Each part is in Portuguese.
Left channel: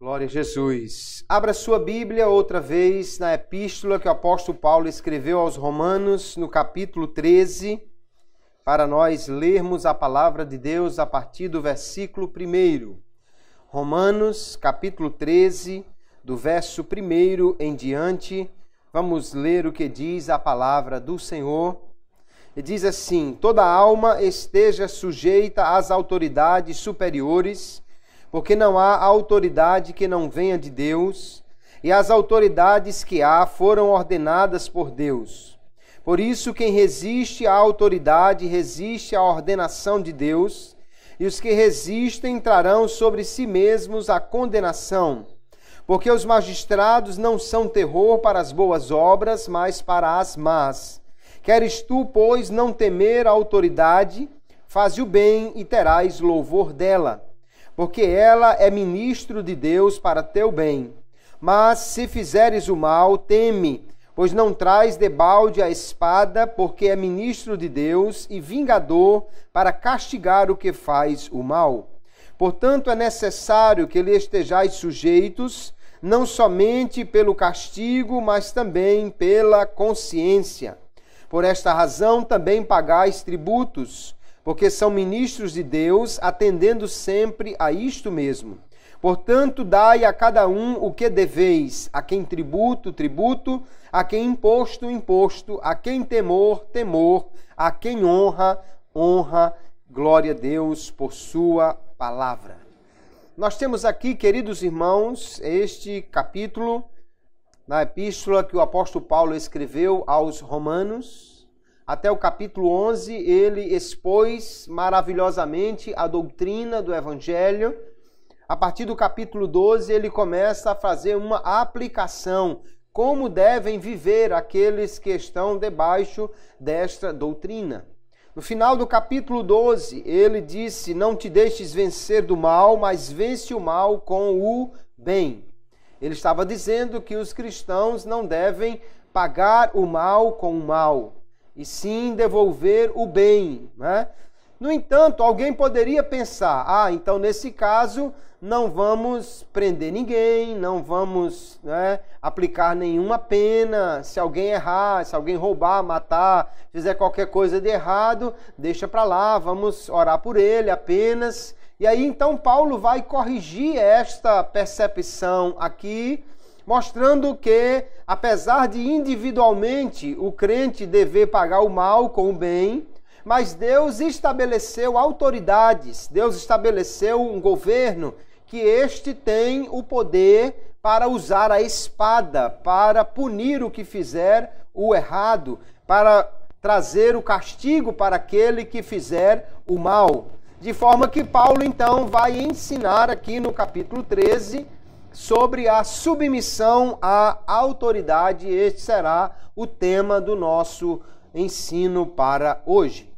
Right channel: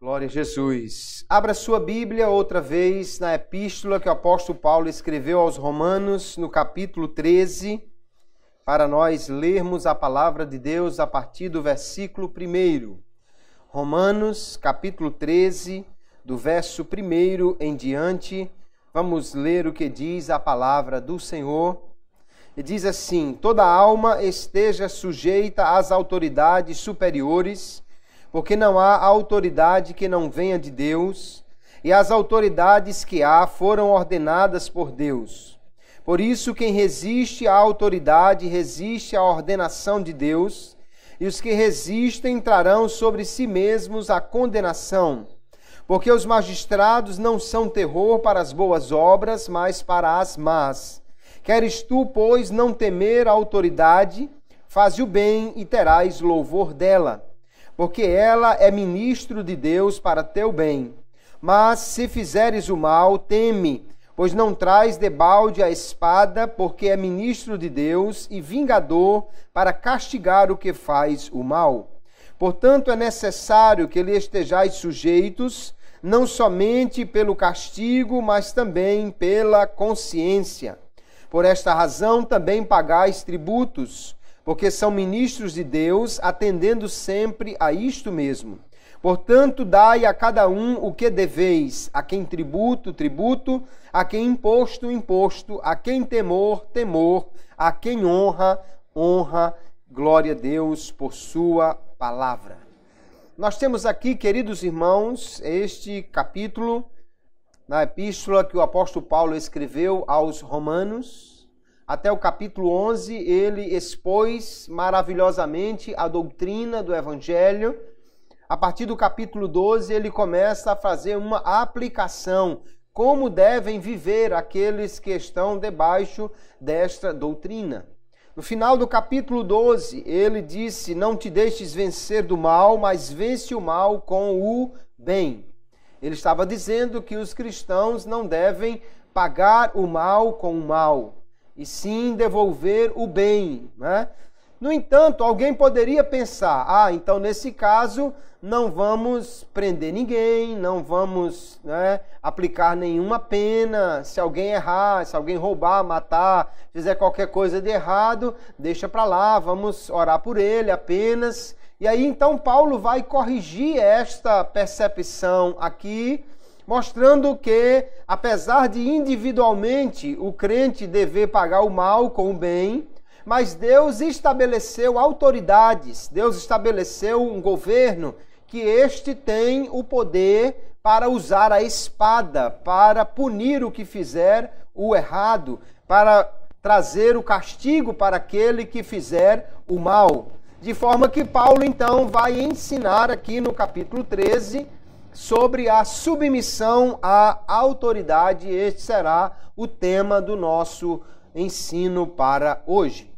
Glória a Jesus. Abra sua Bíblia outra vez na epístola que o apóstolo Paulo escreveu aos Romanos, no capítulo 13, para nós lermos a palavra de Deus a partir do versículo 1. Romanos, capítulo 13, do verso 1 em diante, vamos ler o que diz a palavra do Senhor. E diz assim: toda alma esteja sujeita às autoridades superiores, porque não há autoridade que não venha de Deus, e as autoridades que há foram ordenadas por Deus. Por isso, quem resiste à autoridade resiste à ordenação de Deus, e os que resistem trarão sobre si mesmos a condenação. Porque os magistrados não são terror para as boas obras, mas para as más. Queres tu, pois, não temer a autoridade, faze o bem e terás louvor dela, porque ela é ministro de Deus para teu bem. Mas se fizeres o mal, teme, pois não traz debalde a espada, porque é ministro de Deus e vingador para castigar o que faz o mal. Portanto, é necessário que lhe estejais sujeitos, não somente pelo castigo, mas também pela consciência. Por esta razão também pagais tributos, porque são ministros de Deus, atendendo sempre a isto mesmo. Portanto, dai a cada um o que deveis, a quem tributo, tributo, a quem imposto, imposto, a quem temor, temor, a quem honra, honra. Glória a Deus por sua palavra. Nós temos aqui, queridos irmãos, este capítulo na epístola que o apóstolo Paulo escreveu aos Romanos. Até o capítulo 11, ele expôs maravilhosamente a doutrina do Evangelho. A partir do capítulo 12, ele começa a fazer uma aplicação, como devem viver aqueles que estão debaixo desta doutrina. No final do capítulo 12, ele disse: não te deixes vencer do mal, mas vence o mal com o bem. Ele estava dizendo que os cristãos não devem pagar o mal com o mal, e sim devolver o bem, né? No entanto, alguém poderia pensar: então nesse caso não vamos prender ninguém, não vamos, aplicar nenhuma pena. Se alguém errar, se alguém roubar, matar, fizer qualquer coisa de errado, deixa para lá, vamos orar por ele apenas. E aí então Paulo vai corrigir esta percepção aqui, mostrando que, apesar de individualmente o crente dever pagar o mal com o bem, mas Deus estabeleceu autoridades, Deus estabeleceu um governo que este tem o poder para usar a espada, para punir o que fizer o errado, para trazer o castigo para aquele que fizer o mal. De forma que Paulo então vai ensinar aqui no capítulo 13 sobre a submissão à autoridade. Este será o tema do nosso ensino para hoje.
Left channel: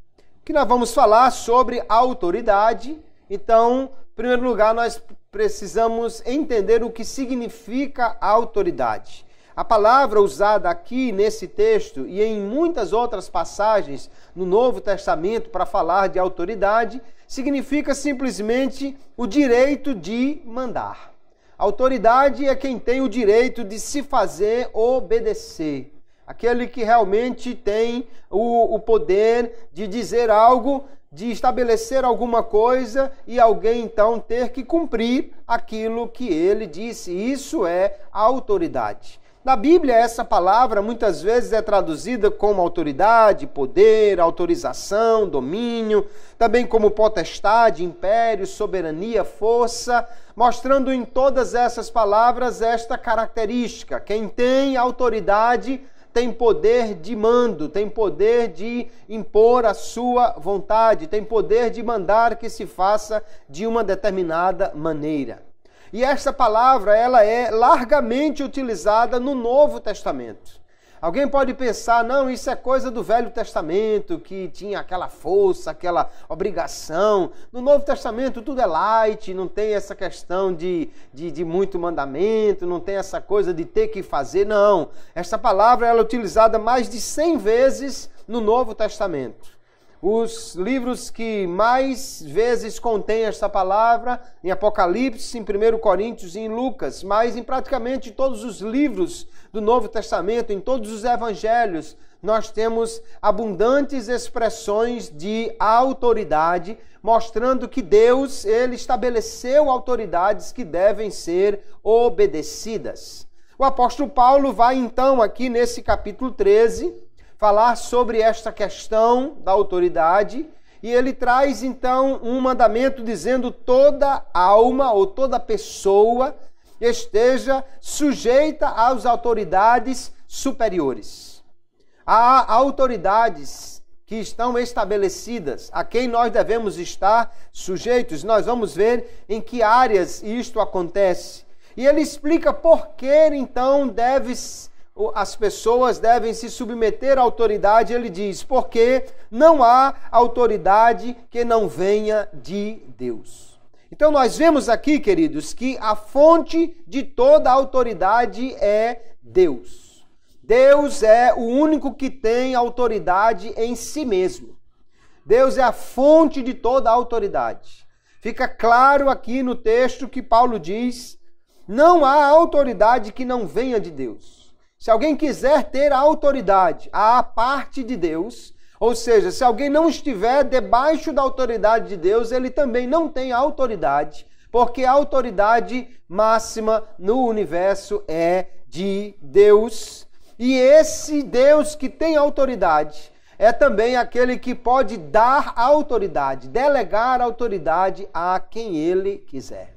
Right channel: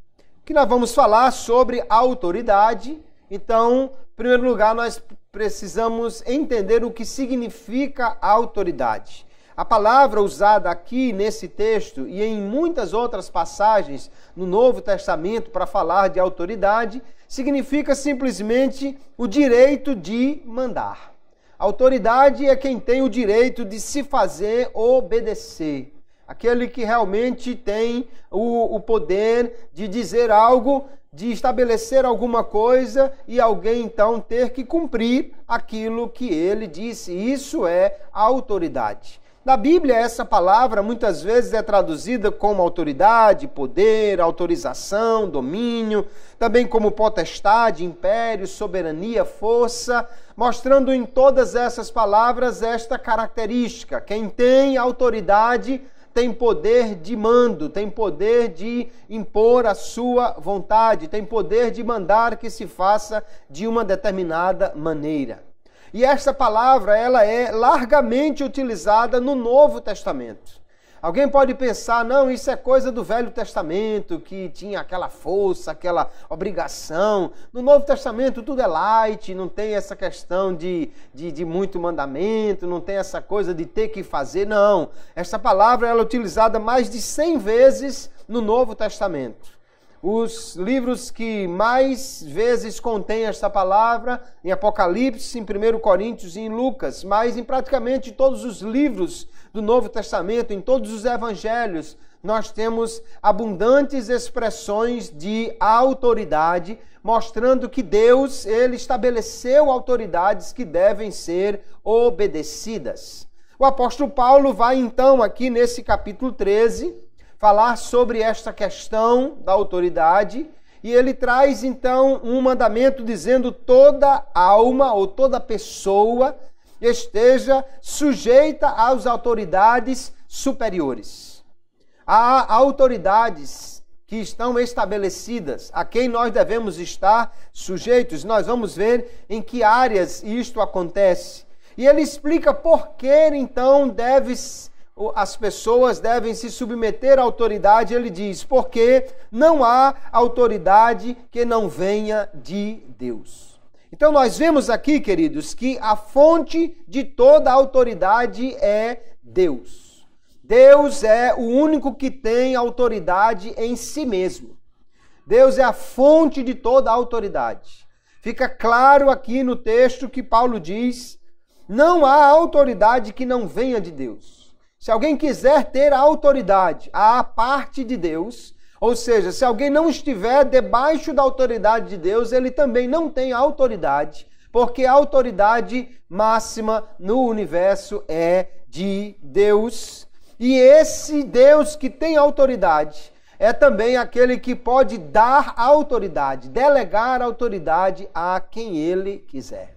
Que nós vamos falar sobre autoridade. Então, em primeiro lugar, nós precisamos entender o que significa autoridade. A palavra usada aqui nesse texto e em muitas outras passagens no Novo Testamento para falar de autoridade significa simplesmente o direito de mandar. Autoridade é quem tem o direito de se fazer obedecer. Aquele que realmente tem o poder de dizer algo, de estabelecer alguma coisa e alguém então ter que cumprir aquilo que ele disse. Isso é autoridade. Na Bíblia, essa palavra muitas vezes é traduzida como autoridade, poder, autorização, domínio, também como potestade, império, soberania, força, mostrando em todas essas palavras esta característica. Quem tem autoridade tem poder de mando, tem poder de impor a sua vontade, tem poder de mandar que se faça de uma determinada maneira. E esta palavra, ela é largamente utilizada no Novo Testamento. Alguém pode pensar, não, isso é coisa do Velho Testamento, que tinha aquela força, aquela obrigação. No Novo Testamento tudo é light, não tem essa questão de muito mandamento, não tem essa coisa de ter que fazer, não. Essa palavra ela é utilizada mais de 100 vezes no Novo Testamento. Os livros que mais vezes contêm essa palavra, em Apocalipse, em 1 Coríntios e em Lucas, mas em praticamente todos os livros do Novo Testamento, em todos os evangelhos, nós temos abundantes expressões de autoridade, mostrando que Deus, ele estabeleceu autoridades que devem ser obedecidas. O apóstolo Paulo vai então aqui nesse capítulo 13, falar sobre esta questão da autoridade, e ele traz então um mandamento dizendo toda alma ou toda pessoa esteja sujeita às autoridades superiores. Há autoridades que estão estabelecidas, a quem nós devemos estar sujeitos. Nós vamos ver em que áreas isto acontece. E ele explica por que então as pessoas devem se submeter à autoridade. Ele diz, porque não há autoridade que não venha de Deus. Então nós vemos aqui, queridos, que a fonte de toda a autoridade é Deus. Deus é o único que tem autoridade em si mesmo. Deus é a fonte de toda a autoridade. Fica claro aqui no texto que Paulo diz, não há autoridade que não venha de Deus. Se alguém quiser ter a autoridade à parte de Deus, ou seja, se alguém não estiver debaixo da autoridade de Deus, ele também não tem autoridade, porque a autoridade máxima no universo é de Deus. E esse Deus que tem autoridade é também aquele que pode dar autoridade, delegar autoridade a quem ele quiser.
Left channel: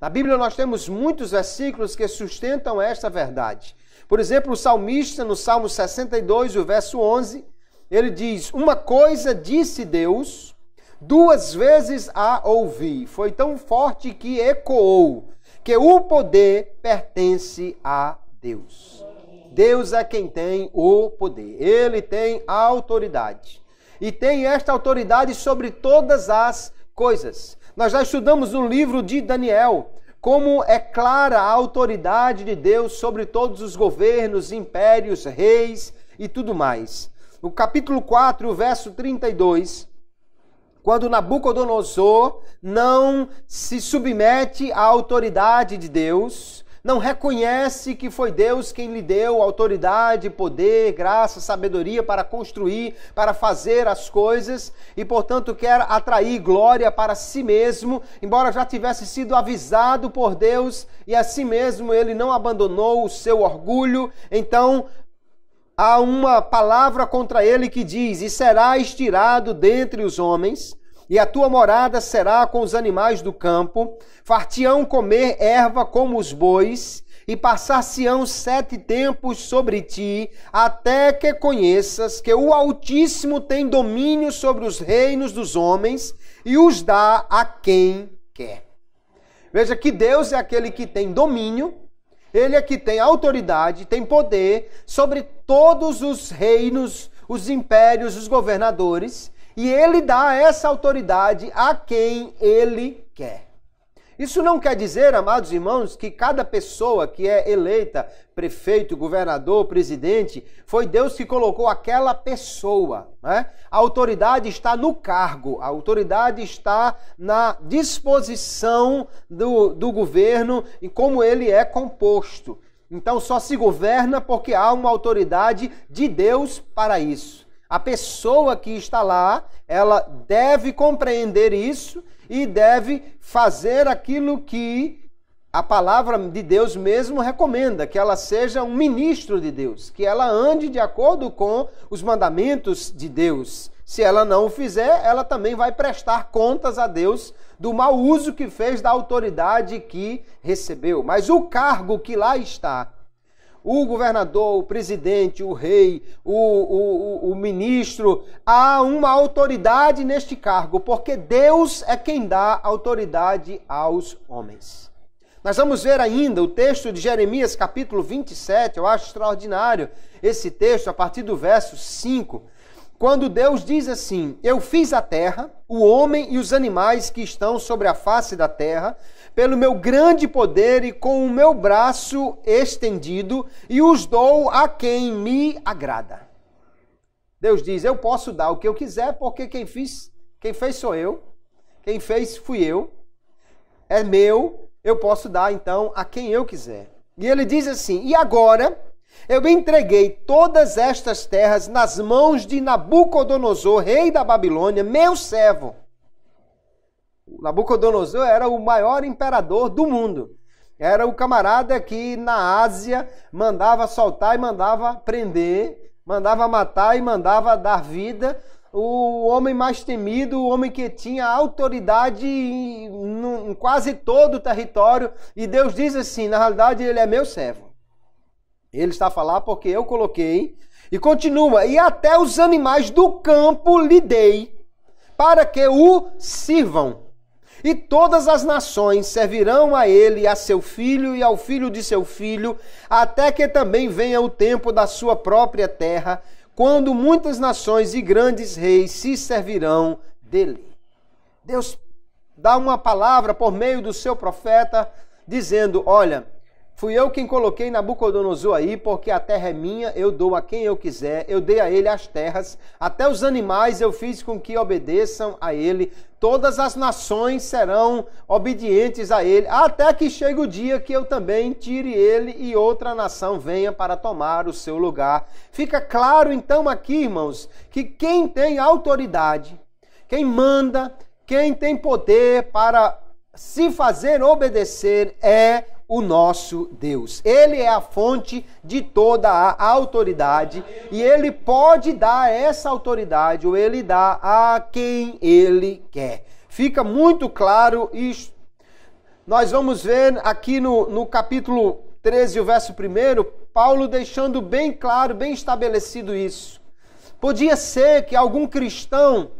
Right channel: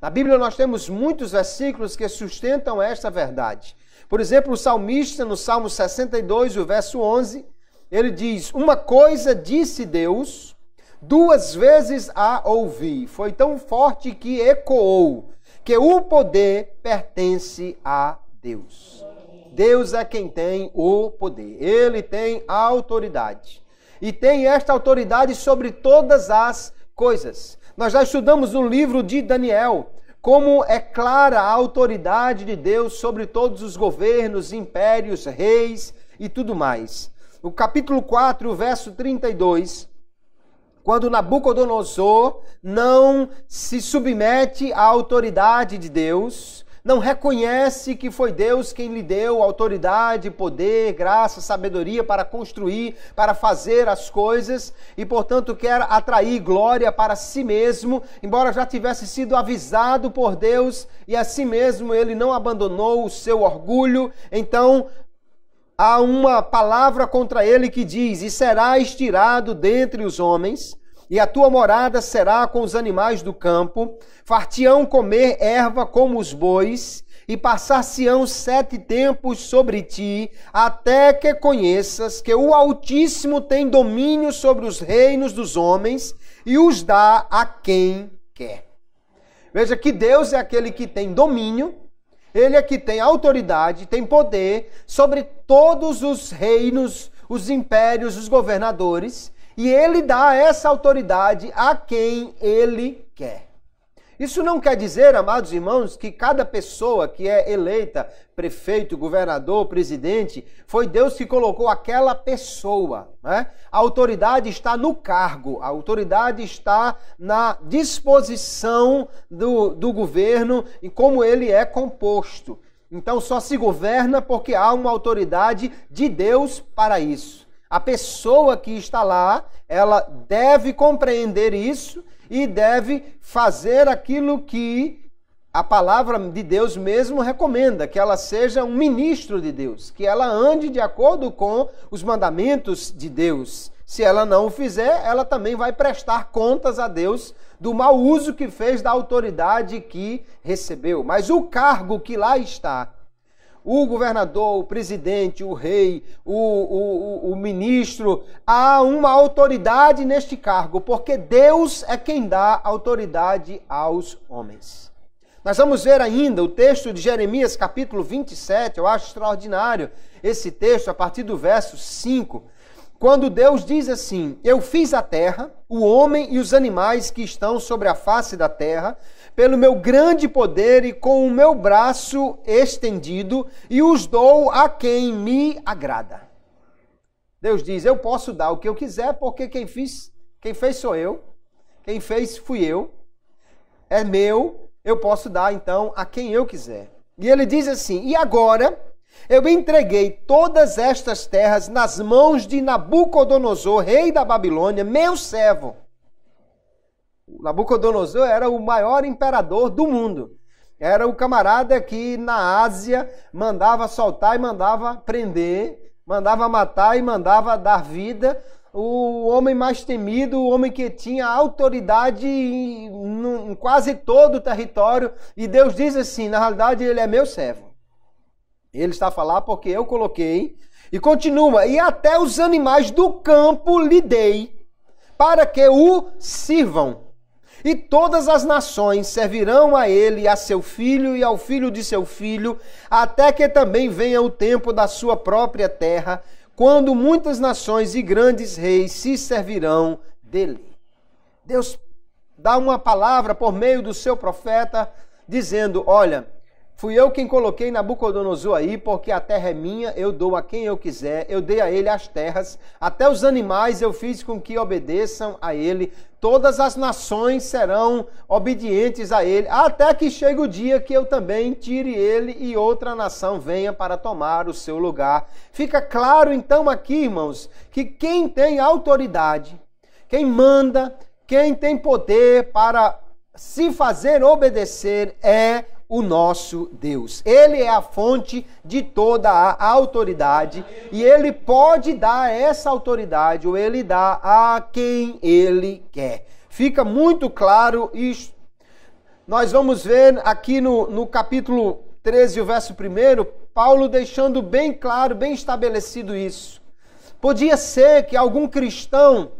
Na Bíblia nós temos muitos versículos que sustentam esta verdade. Por exemplo, o salmista, no Salmo 62, o verso 11, ele diz, uma coisa disse Deus, 2 vezes a ouvi. Foi tão forte que ecoou, que o poder pertence a Deus. Deus é quem tem o poder. Ele tem a autoridade. E tem esta autoridade sobre todas as coisas. Nós já estudamos no livro de Daniel, como é clara a autoridade de Deus sobre todos os governos, impérios, reis e tudo mais. No capítulo 4, verso 32, quando Nabucodonosor não se submete à autoridade de Deus, não reconhece que foi Deus quem lhe deu autoridade, poder, graça, sabedoria para construir, para fazer as coisas e, portanto, quer atrair glória para si mesmo, embora já tivesse sido avisado por Deus e assim mesmo ele não abandonou o seu orgulho. Então, há uma palavra contra ele que diz, e serás tirado dentre os homens, e a tua morada será com os animais do campo, far-te-ão comer erva como os bois, e passar-se-ão 7 tempos sobre ti, até que conheças que o Altíssimo tem domínio sobre os reinos dos homens, e os dá a quem quer. Veja que Deus é aquele que tem domínio, ele é que tem autoridade, tem poder sobre todos os reinos, os impérios, os governadores, e ele dá essa autoridade a quem ele quer. Isso não quer dizer, amados irmãos, que cada pessoa que é eleita, prefeito, governador, presidente, foi Deus que colocou aquela pessoa, né? A autoridade está no cargo, a autoridade está na disposição do governo e como ele é composto. Então só se governa porque há uma autoridade de Deus para isso. A pessoa que está lá, ela deve compreender isso e deve fazer aquilo que a palavra de Deus mesmo recomenda, que ela seja um ministro de Deus, que ela ande de acordo com os mandamentos de Deus. Se ela não o fizer, ela também vai prestar contas a Deus do mau uso que fez da autoridade que recebeu. Mas o cargo que lá está, o governador, o presidente, o rei, o ministro, há uma autoridade neste cargo, porque Deus é quem dá autoridade aos homens. Nós vamos ver ainda o texto de Jeremias, capítulo 27, eu acho extraordinário esse texto, a partir do verso 5, quando Deus diz assim: eu fiz a terra, o homem e os animais que estão sobre a face da terra, pelo meu grande poder e com o meu braço estendido, e os dou a quem me agrada. Deus diz: eu posso dar o que eu quiser, porque quem fez sou eu, quem fez fui eu, é meu, eu posso dar então a quem eu quiser. E ele diz assim: e agora eu entreguei todas estas terras nas mãos de Nabucodonosor, rei da Babilônia, meu servo. Nabucodonosor era o maior imperador do mundo. Era o camarada que na Ásia mandava soltar e mandava prender, mandava matar e mandava dar vida. O homem mais temido, o homem que tinha autoridade em quase todo o território. E Deus diz assim: na realidade ele é meu servo. Ele está a falar porque eu coloquei. E continua: e até os animais do campo lhe dei, para que o sirvam. E todas as nações servirão a ele, a seu filho e ao filho de seu filho, até que também venha o tempo da sua própria terra, quando muitas nações e grandes reis se servirão dele. Deus dá uma palavra por meio do seu profeta, dizendo: olha, fui eu quem coloquei Nabucodonosor aí, porque a terra é minha, eu dou a quem eu quiser, eu dei a ele as terras, até os animais eu fiz com que obedeçam a ele, todas as nações serão obedientes a ele, até que chegue o dia que eu também tire ele e outra nação venha para tomar o seu lugar. Fica claro então aqui, irmãos, que quem tem autoridade, quem manda, quem tem poder para se fazer obedecer é o nosso Deus. Ele é a fonte de toda a autoridade e ele pode dar essa autoridade, ou ele dá a quem ele quer. Fica muito claro isso. Nós vamos ver aqui no capítulo 13, o verso 1, Paulo deixando bem claro, bem estabelecido isso. Podia ser que algum cristão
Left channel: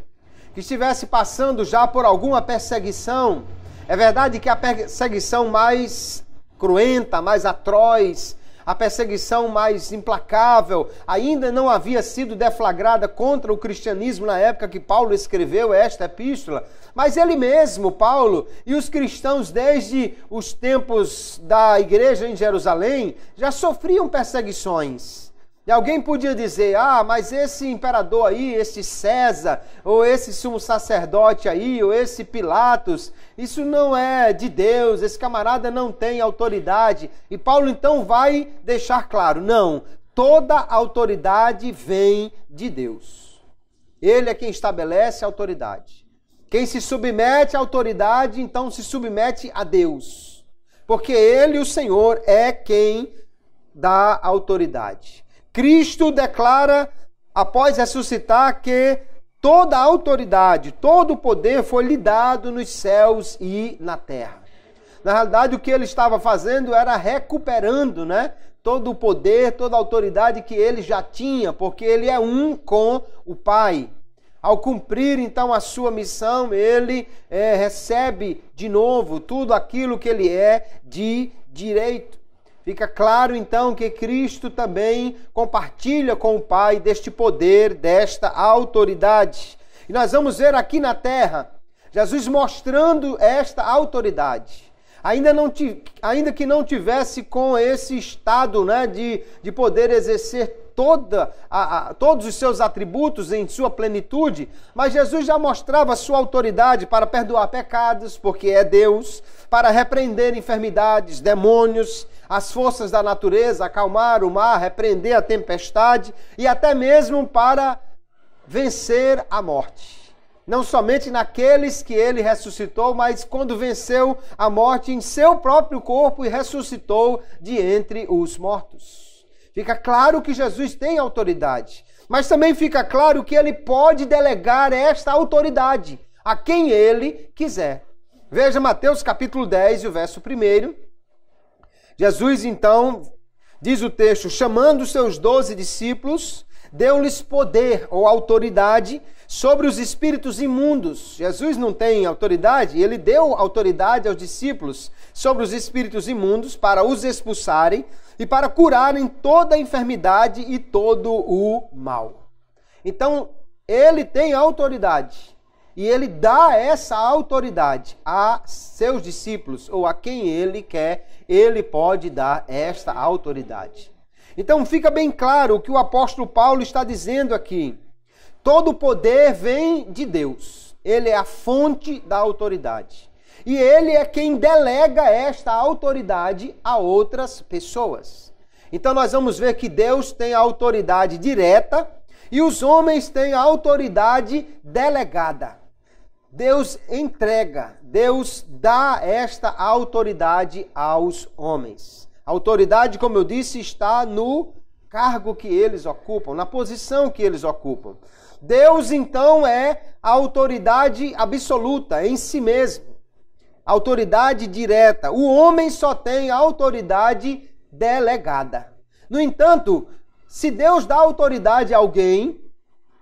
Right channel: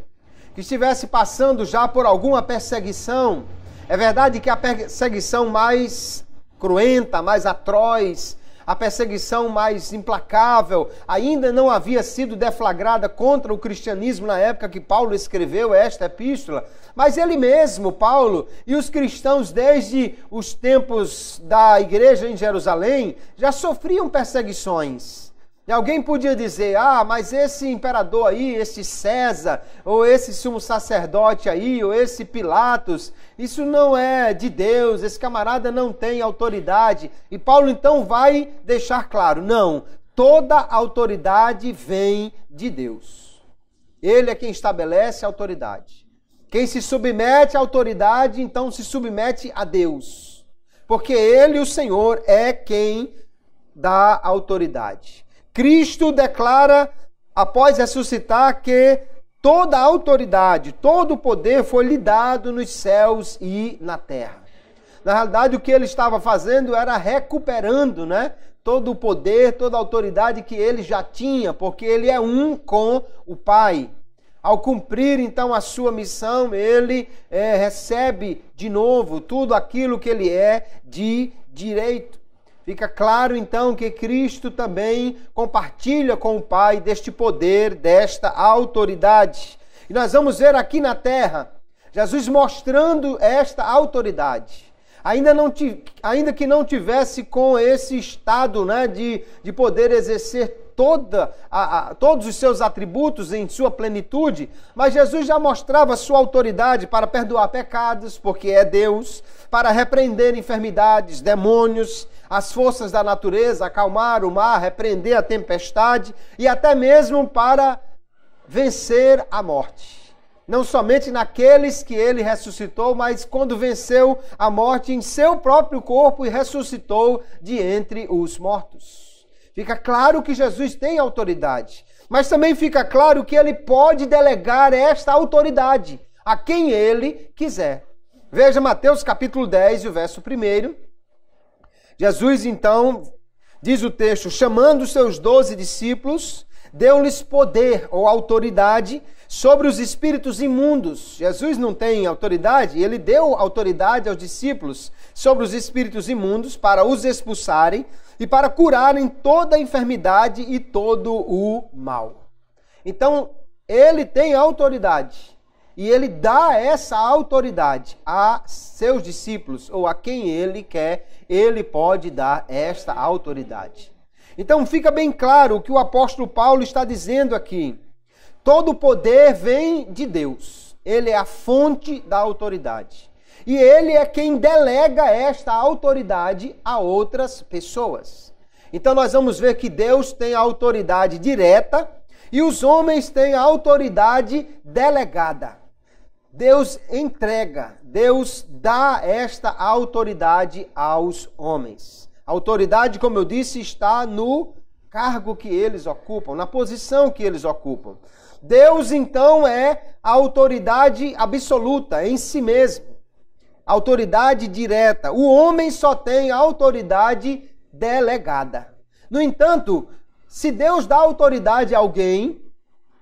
que estivesse passando já por alguma perseguição, é verdade que a perseguição mais cruenta, mais atroz, a perseguição mais implacável, ainda não havia sido deflagrada contra o cristianismo na época que Paulo escreveu esta epístola, mas ele mesmo, Paulo, e os cristãos desde os tempos da igreja em Jerusalém, já sofriam perseguições. E alguém podia dizer: mas esse imperador aí, esse César, ou esse sumo sacerdote aí, ou esse Pilatos, isso não é de Deus, esse camarada não tem autoridade. E Paulo então vai deixar claro: não, toda autoridade vem de Deus. Ele é quem estabelece a autoridade. Quem se submete à autoridade, então se submete a Deus. Porque ele, o Senhor, é quem dá autoridade. Cristo declara, após ressuscitar, que toda a autoridade, todo o poder foi lhe dado nos céus e na terra. Na realidade, o que ele estava fazendo era recuperando, todo o poder, toda a autoridade que ele já tinha, porque ele é um com o Pai. Ao cumprir, então, a sua missão, ele recebe de novo tudo aquilo que ele é de direito. Fica claro, então, que Cristo também compartilha com o Pai deste poder, desta autoridade. E nós vamos ver aqui na terra, Jesus mostrando esta autoridade. Ainda que não tivesse com esse estado de poder exercer todos os seus atributos em sua plenitude, mas Jesus já mostrava sua autoridade para perdoar pecados, porque é Deus, para repreender enfermidades, demônios, as forças da natureza, acalmar o mar, repreender a tempestade e até mesmo para vencer a morte. Não somente naqueles que ele ressuscitou, mas quando venceu a morte em seu próprio corpo e ressuscitou de entre os mortos. Fica claro que Jesus tem autoridade, mas também fica claro que ele pode delegar esta autoridade a quem ele quiser. Veja Mateus capítulo 10, o verso 1. Jesus, então, diz o texto, chamando os seus 12 discípulos, deu-lhes poder ou autoridade sobre os espíritos imundos. Jesus não tem autoridade, ele deu autoridade aos discípulos sobre os espíritos imundos para os expulsarem e para curarem toda a enfermidade e todo o mal. Então, ele tem autoridade e ele dá essa autoridade a seus discípulos ou a quem ele quer, ele pode dar esta autoridade. Então, fica bem claro o que o apóstolo Paulo está dizendo aqui. Todo o poder vem de Deus. Ele é a fonte da autoridade. E ele é quem delega esta autoridade a outras pessoas. Então nós vamos ver que Deus tem a autoridade direta e os homens têm a autoridade delegada. Deus entrega, Deus dá esta autoridade aos homens. A autoridade, como eu disse, está no cargo que eles ocupam, na posição que eles ocupam. Deus, então, é a autoridade absoluta em si mesmo. Autoridade direta. O homem só tem autoridade delegada. No entanto, se Deus dá autoridade a alguém,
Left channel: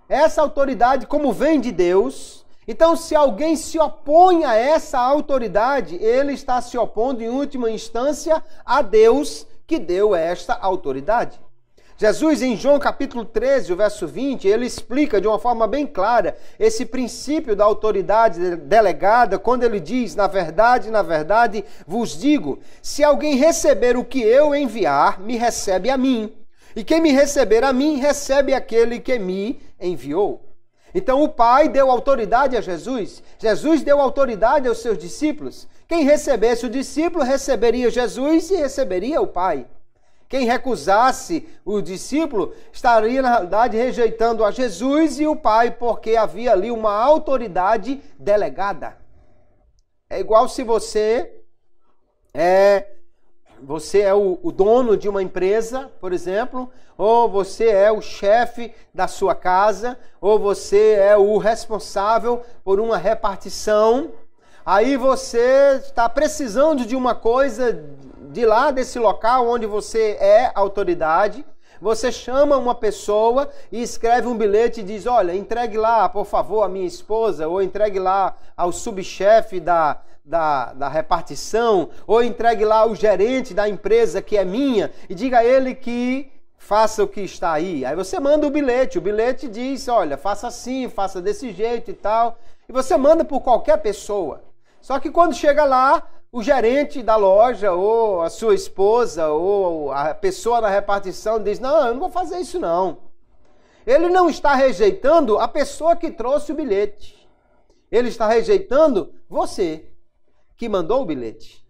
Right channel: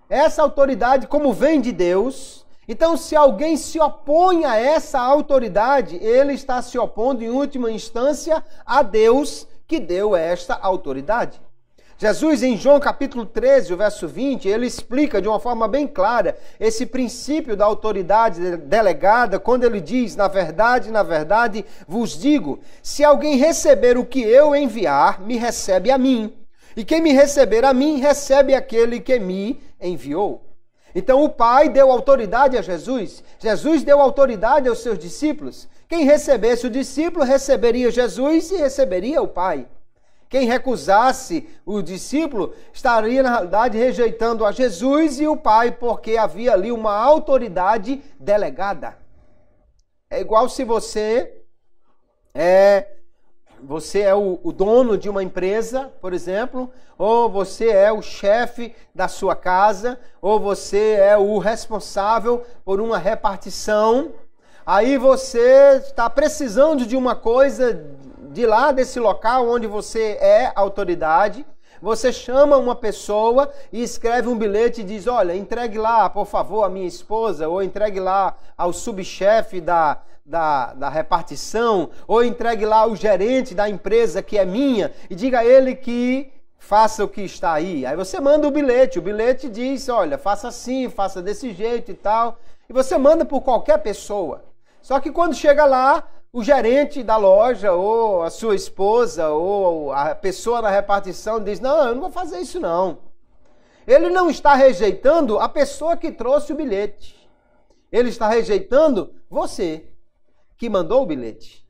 essa autoridade, como vem de Deus, então se alguém se opõe a essa autoridade, ele está se opondo em última instância a Deus que deu esta autoridade. Jesus, em João capítulo 13, o verso 20, ele explica de uma forma bem clara esse princípio da autoridade delegada, quando ele diz, na verdade, vos digo, se alguém receber o que eu enviar, me recebe a mim. E quem me receber a mim, recebe aquele que me enviou. Então o Pai deu autoridade a Jesus, Jesus deu autoridade aos seus discípulos. Quem recebesse o discípulo, receberia Jesus e receberia o Pai. Quem recusasse o discípulo estaria, na realidade, rejeitando a Jesus e o Pai, porque havia ali uma autoridade delegada. É igual se você é o dono de uma empresa, por exemplo, ou você é o chefe da sua casa, ou você é o responsável por uma repartição. Aí você está precisando de uma coisa de lá desse local onde você é autoridade, você chama uma pessoa e escreve um bilhete e diz, olha, entregue lá, por favor, a minha esposa, ou entregue lá ao subchefe da repartição, ou entregue lá ao gerente da empresa que é minha, e diga a ele que faça o que está aí. Aí você manda o bilhete diz, olha, faça assim, faça desse jeito e tal, e você manda por qualquer pessoa. Só que quando chega lá, o gerente da loja, ou a sua esposa, ou a pessoa da repartição diz, não, eu não vou fazer isso não. Ele não está rejeitando a pessoa que trouxe o bilhete. Ele está rejeitando você, que mandou o bilhete.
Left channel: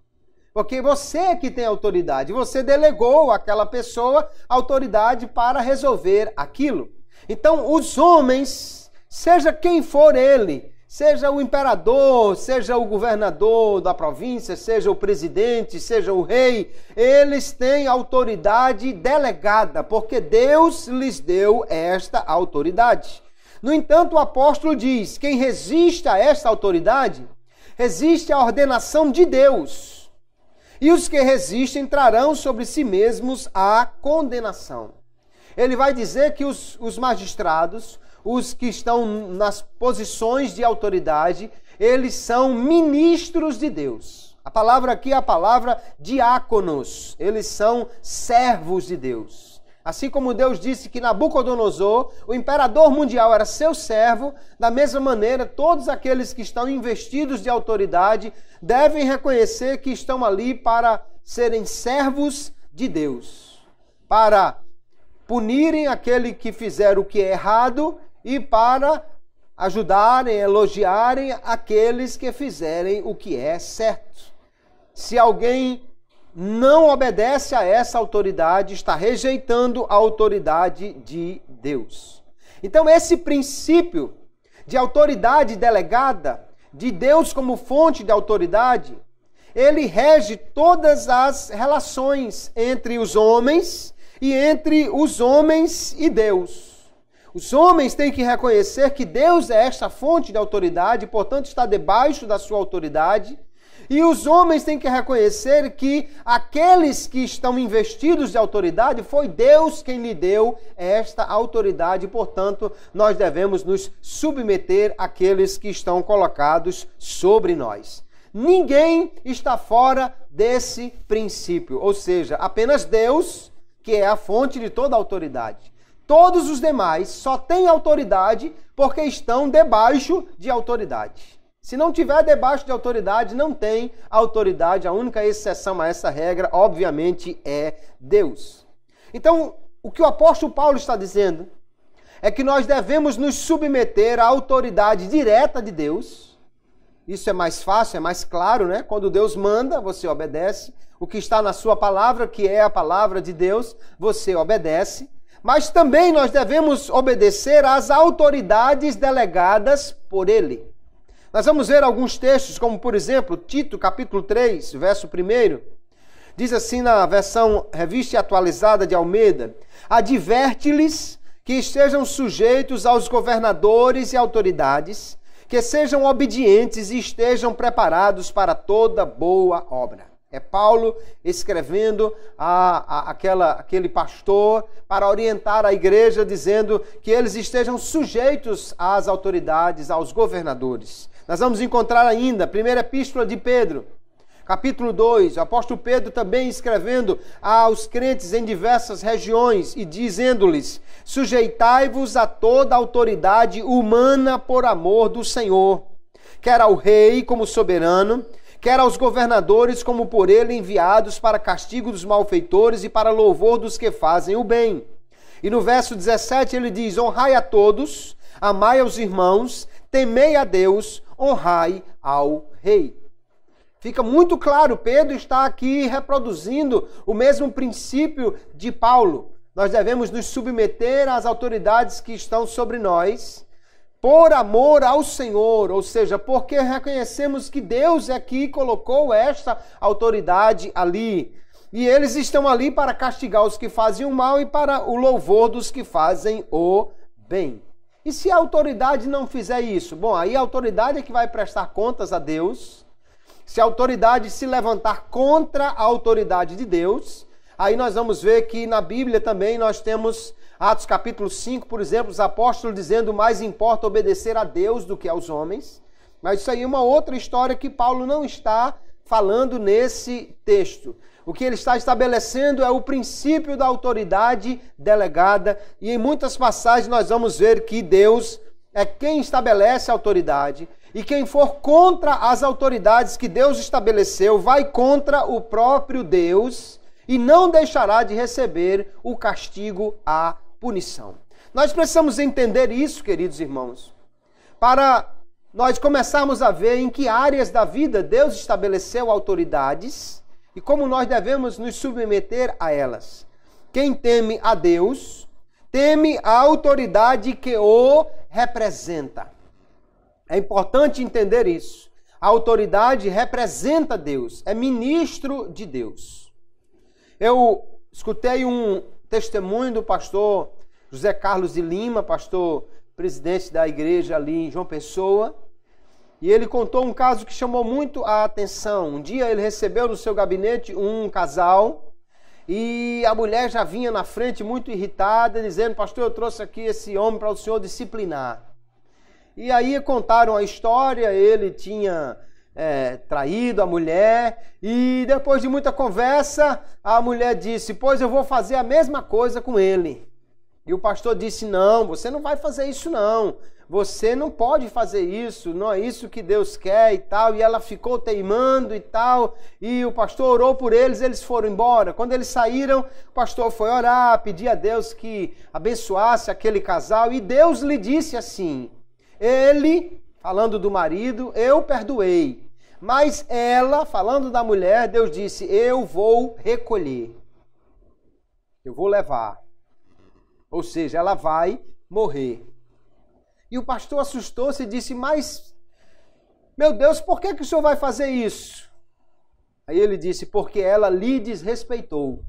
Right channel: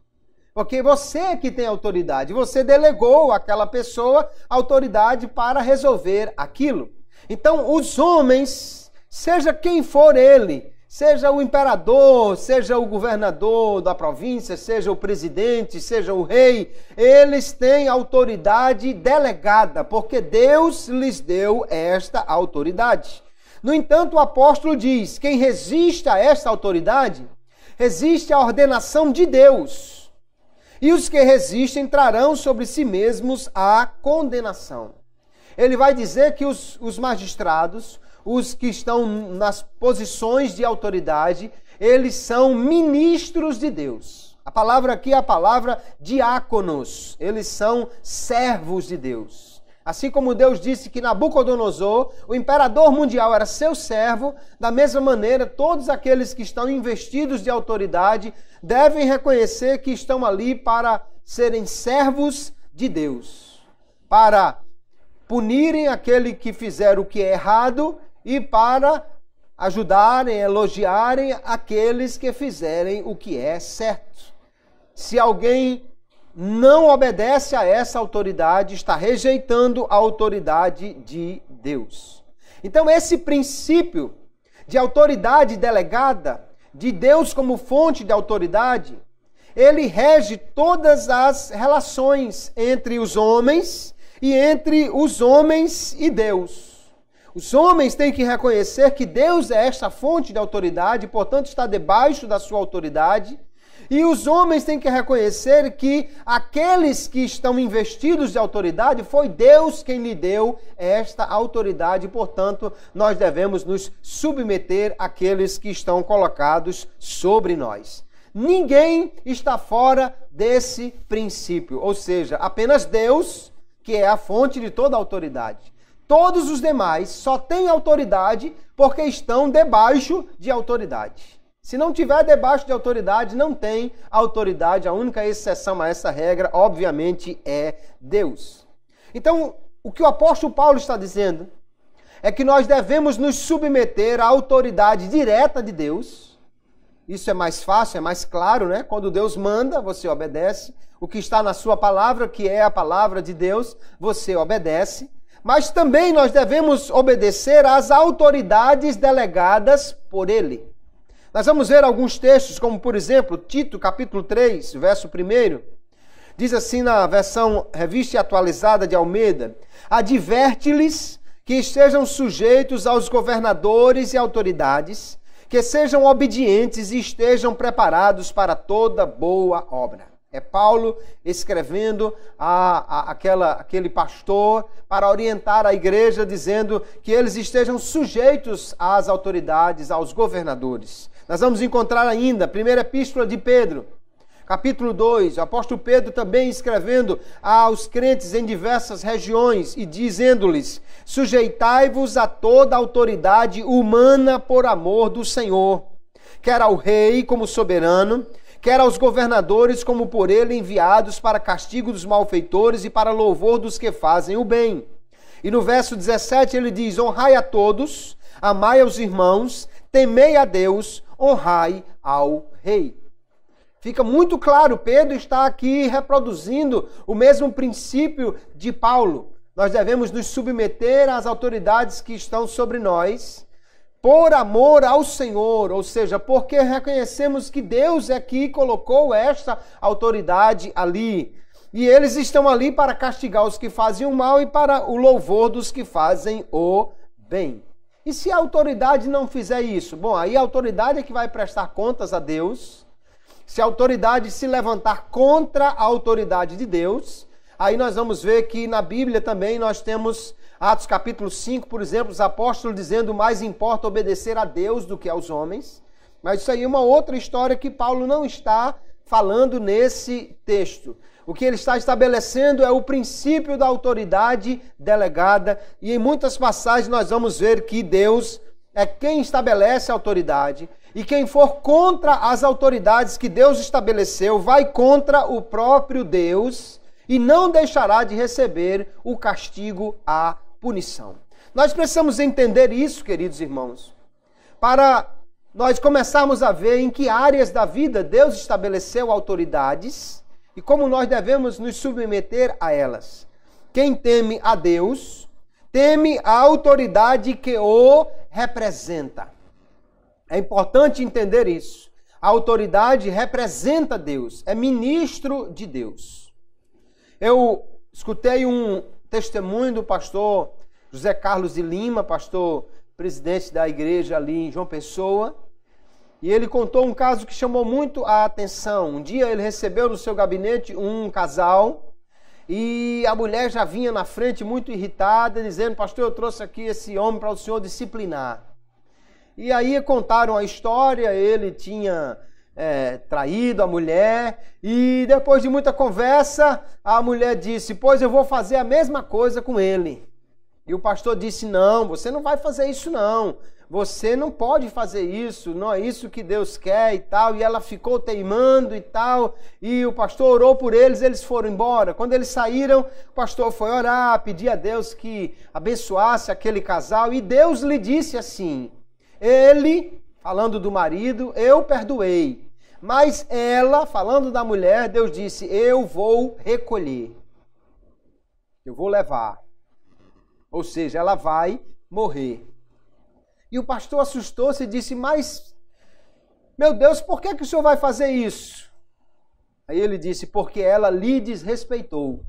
Porque você é que tem autoridade. Você delegou àquela pessoa autoridade para resolver aquilo. Então, os homens, seja quem for ele, seja o imperador, seja o governador da província, seja o presidente, seja o rei, eles têm autoridade delegada, porque Deus lhes deu esta autoridade. No entanto, o apóstolo diz, quem resiste a esta autoridade, resiste à ordenação de Deus. E os que resistem trarão sobre si mesmos a condenação. Ele vai dizer que os magistrados, os que estão nas posições de autoridade, eles são ministros de Deus. A palavra aqui é a palavra diáconos. Eles são servos de Deus. Assim como Deus disse que Nabucodonosor, o imperador mundial, era seu servo, da mesma maneira, todos aqueles que estão investidos de autoridade devem reconhecer que estão ali para serem servos de Deus, para punirem aquele que fizer o que é errado e para ajudarem, elogiarem aqueles que fizerem o que é certo. Se alguém não obedece a essa autoridade, está rejeitando a autoridade de Deus. Então, esse princípio de autoridade delegada, de Deus como fonte de autoridade, ele rege todas as relações entre os homens e entre os homens e Deus. Os homens têm que reconhecer que Deus é esta fonte de autoridade, portanto está debaixo da sua autoridade. E os homens têm que reconhecer que aqueles que estão investidos de autoridade, foi Deus quem lhe deu esta autoridade. Portanto, nós devemos nos submeter àqueles que estão colocados sobre nós. Ninguém está fora desse princípio, ou seja, apenas Deus, que é a fonte de toda autoridade. Todos os demais só têm autoridade porque estão debaixo de autoridade. Se não tiver debaixo de autoridade, não tem autoridade. A única exceção a essa regra, obviamente, é Deus. Então, o que o apóstolo Paulo está dizendo é que nós devemos nos submeter à autoridade direta de Deus. Isso é mais fácil, é mais claro, né? Quando Deus manda, você obedece. O que está na sua palavra, que é a palavra de Deus, você obedece. Mas também nós devemos obedecer às autoridades delegadas por Ele. Nós vamos ver alguns textos, como por exemplo, Tito, capítulo 3, verso 1. Diz assim na versão revista e atualizada de Almeida: adverte-lhes que estejam sujeitos aos governadores e autoridades, que sejam obedientes e estejam preparados para toda boa obra. É Paulo escrevendo aquele pastor para orientar a igreja, dizendo que eles estejam sujeitos às autoridades, aos governadores. Nós vamos encontrar ainda a primeira epístola de Pedro, capítulo 2, o apóstolo Pedro também escrevendo aos crentes em diversas regiões e dizendo-lhes: sujeitai-vos a toda autoridade humana por amor do Senhor, quer ao rei como soberano, quer aos governadores como por ele enviados para castigo dos malfeitores e para louvor dos que fazem o bem. E no verso 17 ele diz: honrai a todos, amai aos irmãos, temei a Deus, honrai ao rei. Fica muito claro, Pedro está aqui reproduzindo o mesmo princípio de Paulo. Nós devemos nos submeter às autoridades que estão sobre nós, por amor ao Senhor, ou seja, porque reconhecemos que Deus é que colocou esta autoridade ali. E eles estão ali para castigar os que fazem o mal e para o louvor dos que fazem o bem. E se a autoridade não fizer isso? Bom, aí a autoridade é que vai prestar contas a Deus. Se a autoridade se levantar contra a autoridade de Deus, aí nós vamos ver que na Bíblia também nós temos Atos capítulo 5, por exemplo, os apóstolos dizendo: mais importa obedecer a Deus do que aos homens. Mas isso aí é uma outra história que Paulo não está falando nesse texto. O que ele está estabelecendo é o princípio da autoridade delegada, e em muitas passagens nós vamos ver que Deus é quem estabelece a autoridade, e quem for contra as autoridades que Deus estabeleceu vai contra o próprio Deus e não deixará de receber o castigo, a punição. Nós precisamos entender isso, queridos irmãos, para nós começarmos a ver em que áreas da vida Deus estabeleceu autoridades e como nós devemos nos submeter a elas. Quem teme a Deus, teme a autoridade que o representa. É importante entender isso. A autoridade representa Deus, é ministro de Deus. Eu escutei um testemunho do pastor José Carlos de Lima, pastor presidente da igreja ali em João Pessoa, e ele contou um caso que chamou muito a atenção. Um dia ele recebeu no seu gabinete um casal e a mulher já vinha na frente muito irritada, dizendo: pastor, eu trouxe aqui esse homem para o senhor disciplinar. E aí contaram a história, ele tinha traído a mulher, e depois de muita conversa, a mulher disse: pois eu vou fazer a mesma coisa com ele. E o pastor disse: não, você não vai fazer isso não. Você não pode fazer isso, não é isso que Deus quer e tal. E ela ficou teimando e tal, e o pastor orou por eles, eles foram embora. Quando eles saíram, o pastor foi orar, pedir a Deus que abençoasse aquele casal, e Deus lhe disse assim: ele, falando do marido, eu perdoei, mas ela, falando da mulher, Deus disse: eu vou recolher, eu vou levar. Ou seja, ela vai morrer. E o pastor assustou-se e disse: mas, meu Deus, por que o senhor vai fazer isso? Aí ele disse: porque ela lhe desrespeitou.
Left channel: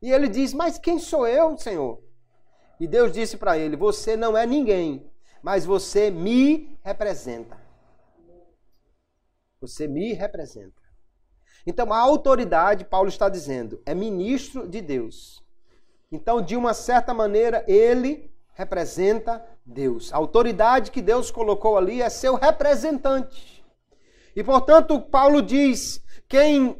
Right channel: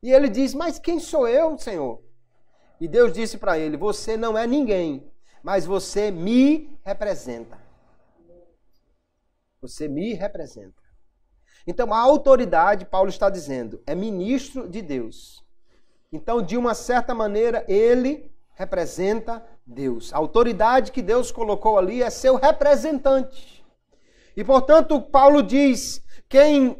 E ele disse: mas quem sou eu, Senhor? E Deus disse para ele: você não é ninguém, mas você me representa. Você me representa. Então, a autoridade, Paulo está dizendo, é ministro de Deus. Então, de uma certa maneira, ele representa Deus. A autoridade que Deus colocou ali é seu representante. E, portanto, Paulo diz, quem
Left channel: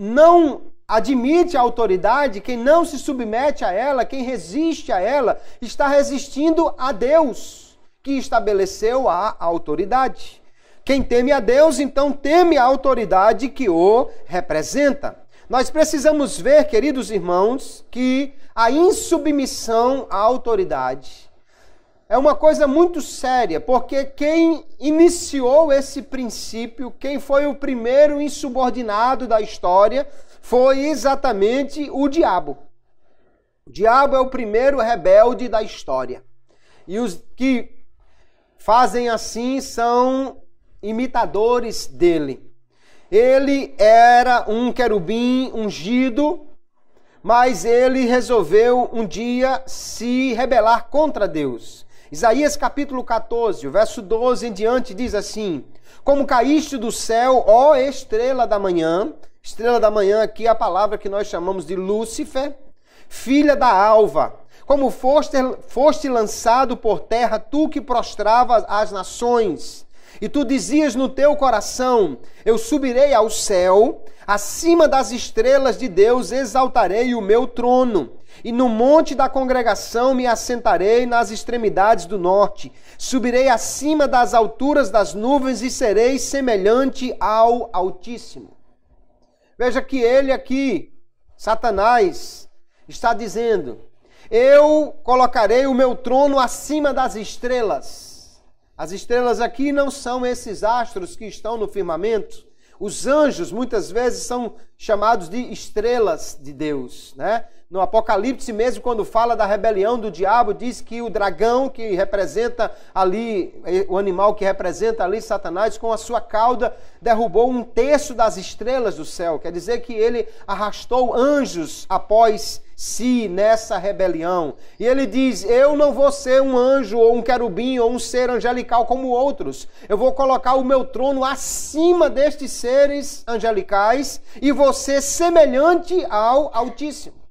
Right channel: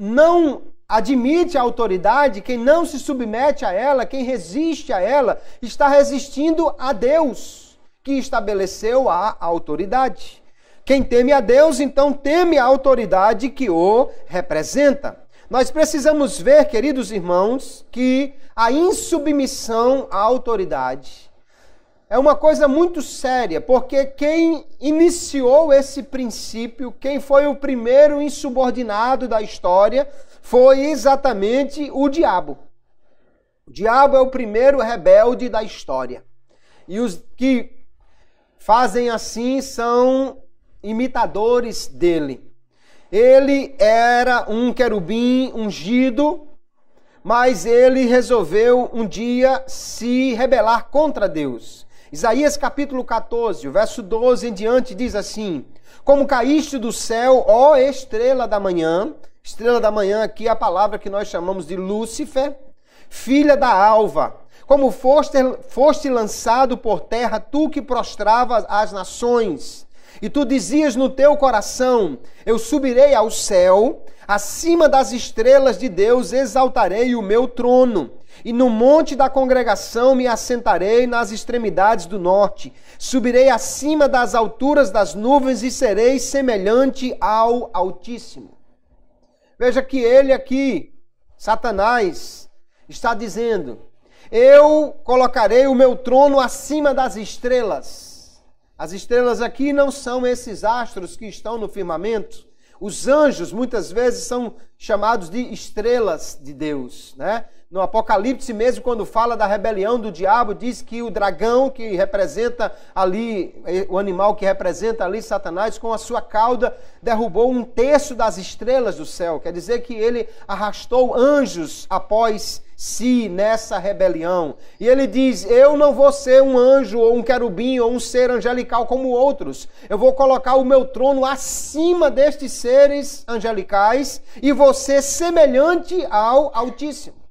não admite a autoridade, quem não se submete a ela, quem resiste a ela, está resistindo a Deus, que estabeleceu a autoridade. Quem teme a Deus, então teme a autoridade que o representa. Nós precisamos ver, queridos irmãos, que a insubmissão à autoridade é uma coisa muito séria, porque quem iniciou esse princípio, quem foi o primeiro insubordinado da história, foi exatamente o diabo. O diabo é o primeiro rebelde da história. E os que fazem assim são imitadores dele. Ele era um querubim ungido, mas ele resolveu um dia se rebelar contra Deus. Isaías capítulo 14, o verso 12 em diante diz assim: como caíste do céu, ó estrela da manhã. Estrela da manhã aqui é a palavra que nós chamamos de Lúcifer, filha da alva. Como foste lançado por terra, tu que prostravas as nações. E tu dizias no teu coração, eu subirei ao céu, acima das estrelas de Deus exaltarei o meu trono. E no monte da congregação me assentarei nas extremidades do norte. Subirei acima das alturas das nuvens e serei semelhante ao Altíssimo. Veja que ele aqui, Satanás, está dizendo, eu colocarei o meu trono acima das estrelas. As estrelas aqui não são esses astros que estão no firmamento. Os anjos muitas vezes são chamados de estrelas de Deus, né? No Apocalipse mesmo, quando fala da rebelião do diabo, diz que o dragão que representa ali, o animal que representa ali Satanás, com a sua cauda, derrubou 1/3 das estrelas do céu. Quer dizer que ele arrastou anjos após si nessa rebelião. E ele diz, eu não vou ser um anjo ou um querubim ou um ser angelical como outros. Eu vou colocar o meu trono acima destes seres angelicais e vou ser semelhante ao Altíssimo.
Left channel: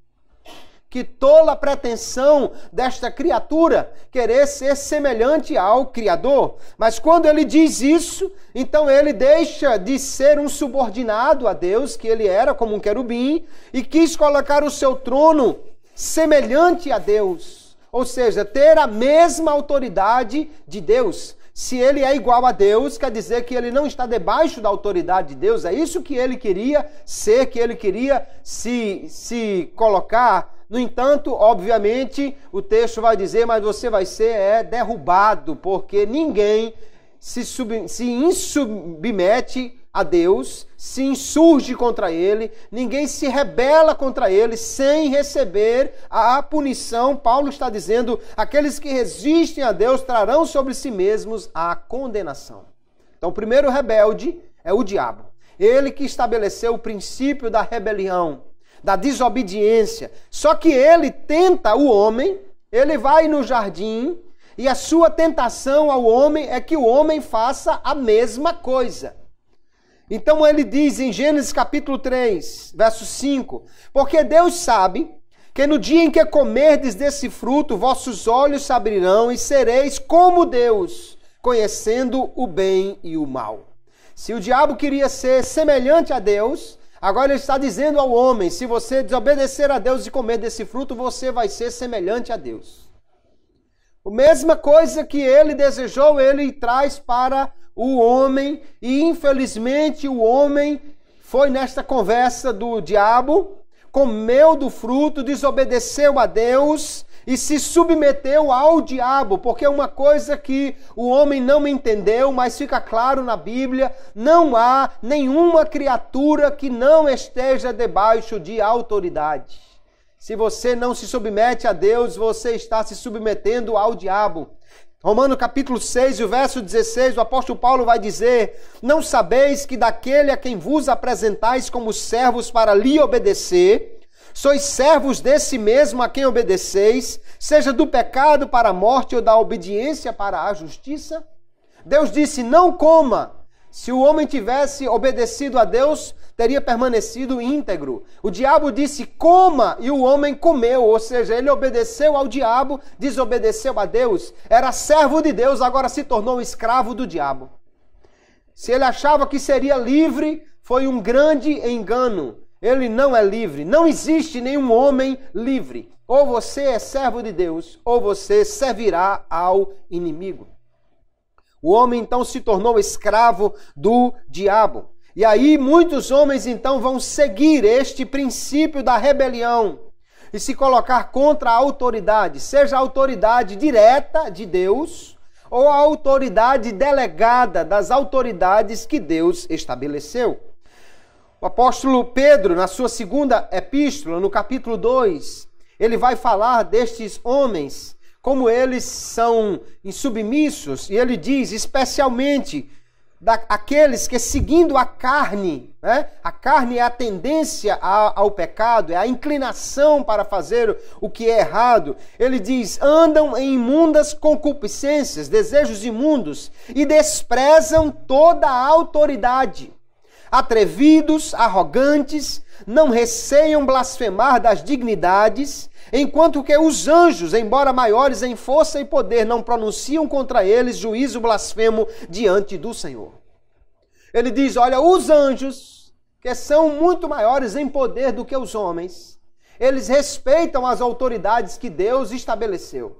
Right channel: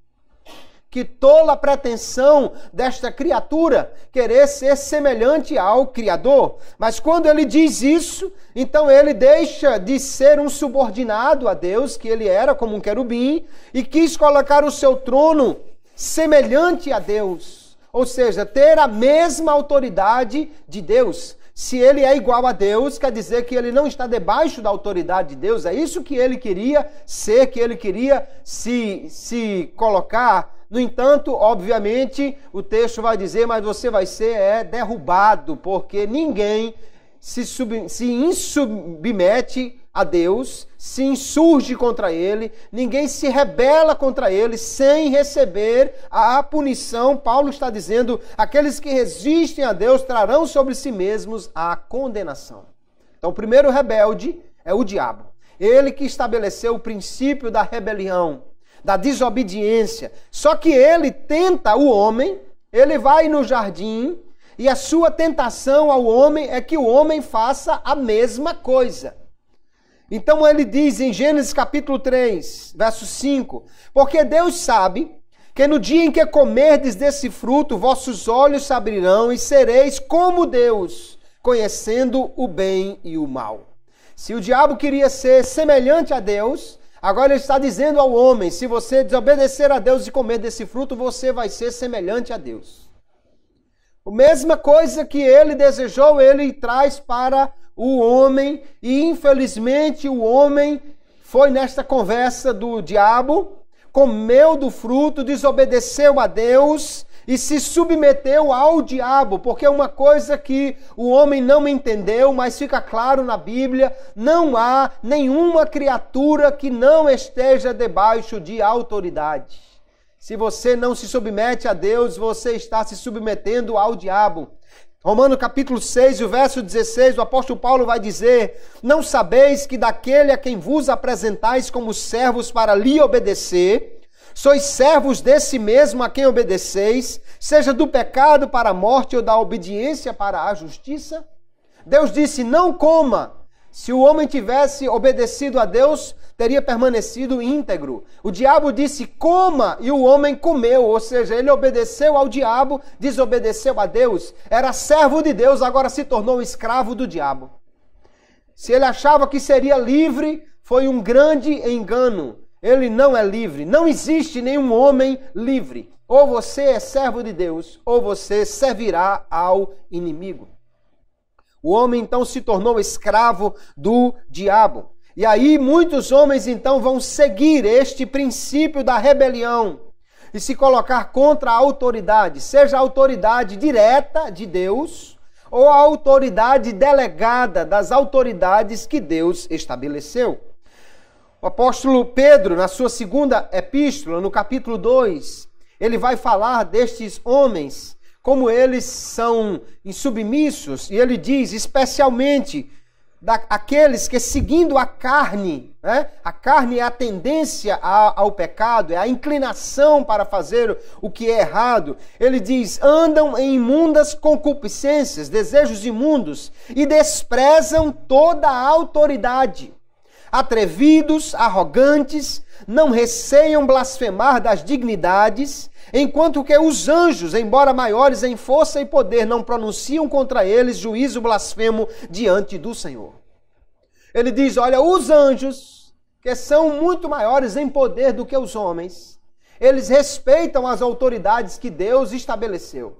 Que tola pretensão desta criatura querer ser semelhante ao Criador. Mas quando ele diz isso, então ele deixa de ser um subordinado a Deus, que ele era como um querubim, e quis colocar o seu trono semelhante a Deus. Ou seja, ter a mesma autoridade de Deus. Se ele é igual a Deus, quer dizer que ele não está debaixo da autoridade de Deus. É isso que ele queria ser, que ele queria se colocar. No entanto, obviamente, o texto vai dizer, mas você vai ser derrubado, porque ninguém se insubmete a Deus, se insurge contra ele, ninguém se rebela contra ele sem receber a punição. Paulo está dizendo, aqueles que resistem a Deus trarão sobre si mesmos a condenação. Então, o primeiro rebelde é o diabo. Ele que estabeleceu o princípio da rebelião, da desobediência. Só que ele tenta o homem, ele vai no jardim, e a sua tentação ao homem é que o homem faça a mesma coisa. Então ele diz em Gênesis capítulo 3, verso 5, porque Deus sabe que no dia em que comerdes desse fruto, vossos olhos se abrirão e sereis como Deus, conhecendo o bem e o mal. Se o diabo queria ser semelhante a Deus, agora ele está dizendo ao homem, se você desobedecer a Deus e comer desse fruto, você vai ser semelhante a Deus. A mesma coisa que ele desejou, ele traz para o homem, e infelizmente o homem foi nesta conversa do diabo, comeu do fruto, desobedeceu a Deus e se submeteu ao diabo, porque uma coisa que o homem não entendeu, mas fica claro na Bíblia, não há nenhuma criatura que não esteja debaixo de autoridade. Se você não se submete a Deus, você está se submetendo ao diabo. Romanos capítulo 6, o verso 16, o apóstolo Paulo vai dizer, não sabeis que daquele a quem vos apresentais como servos para lhe obedecer, sois servos desse mesmo a quem obedeceis, seja do pecado para a morte ou da obediência para a justiça? Deus disse, não coma. Se o homem tivesse obedecido a Deus, teria permanecido íntegro. O diabo disse, coma, e o homem comeu. Ou seja, ele obedeceu ao diabo, desobedeceu a Deus. Era servo de Deus, agora se tornou escravo do diabo. Se ele achava que seria livre, foi um grande engano. Ele não é livre. Não existe nenhum homem livre. Ou você é servo de Deus, ou você servirá ao inimigo. O homem então se tornou escravo do diabo. E aí muitos homens então vão seguir este princípio da rebelião e se colocar contra a autoridade, seja a autoridade direta de Deus ou a autoridade delegada das autoridades que Deus estabeleceu. O apóstolo Pedro, na sua segunda epístola, no capítulo 2, ele vai falar destes homens, como eles são insubmissos, e ele diz especialmente daqueles que seguindo a carne, né? A carne é a tendência ao pecado, é a inclinação para fazer o que é errado. Ele diz, andam em imundas concupiscências, desejos imundos, e desprezam toda a autoridade. Atrevidos, arrogantes, não receiam blasfemar das dignidades, enquanto que os anjos, embora maiores em força e poder, não pronunciam contra eles juízo blasfemo diante do Senhor. Ele diz, olha, os anjos, que são muito maiores em poder do que os homens, eles respeitam as autoridades que Deus estabeleceu.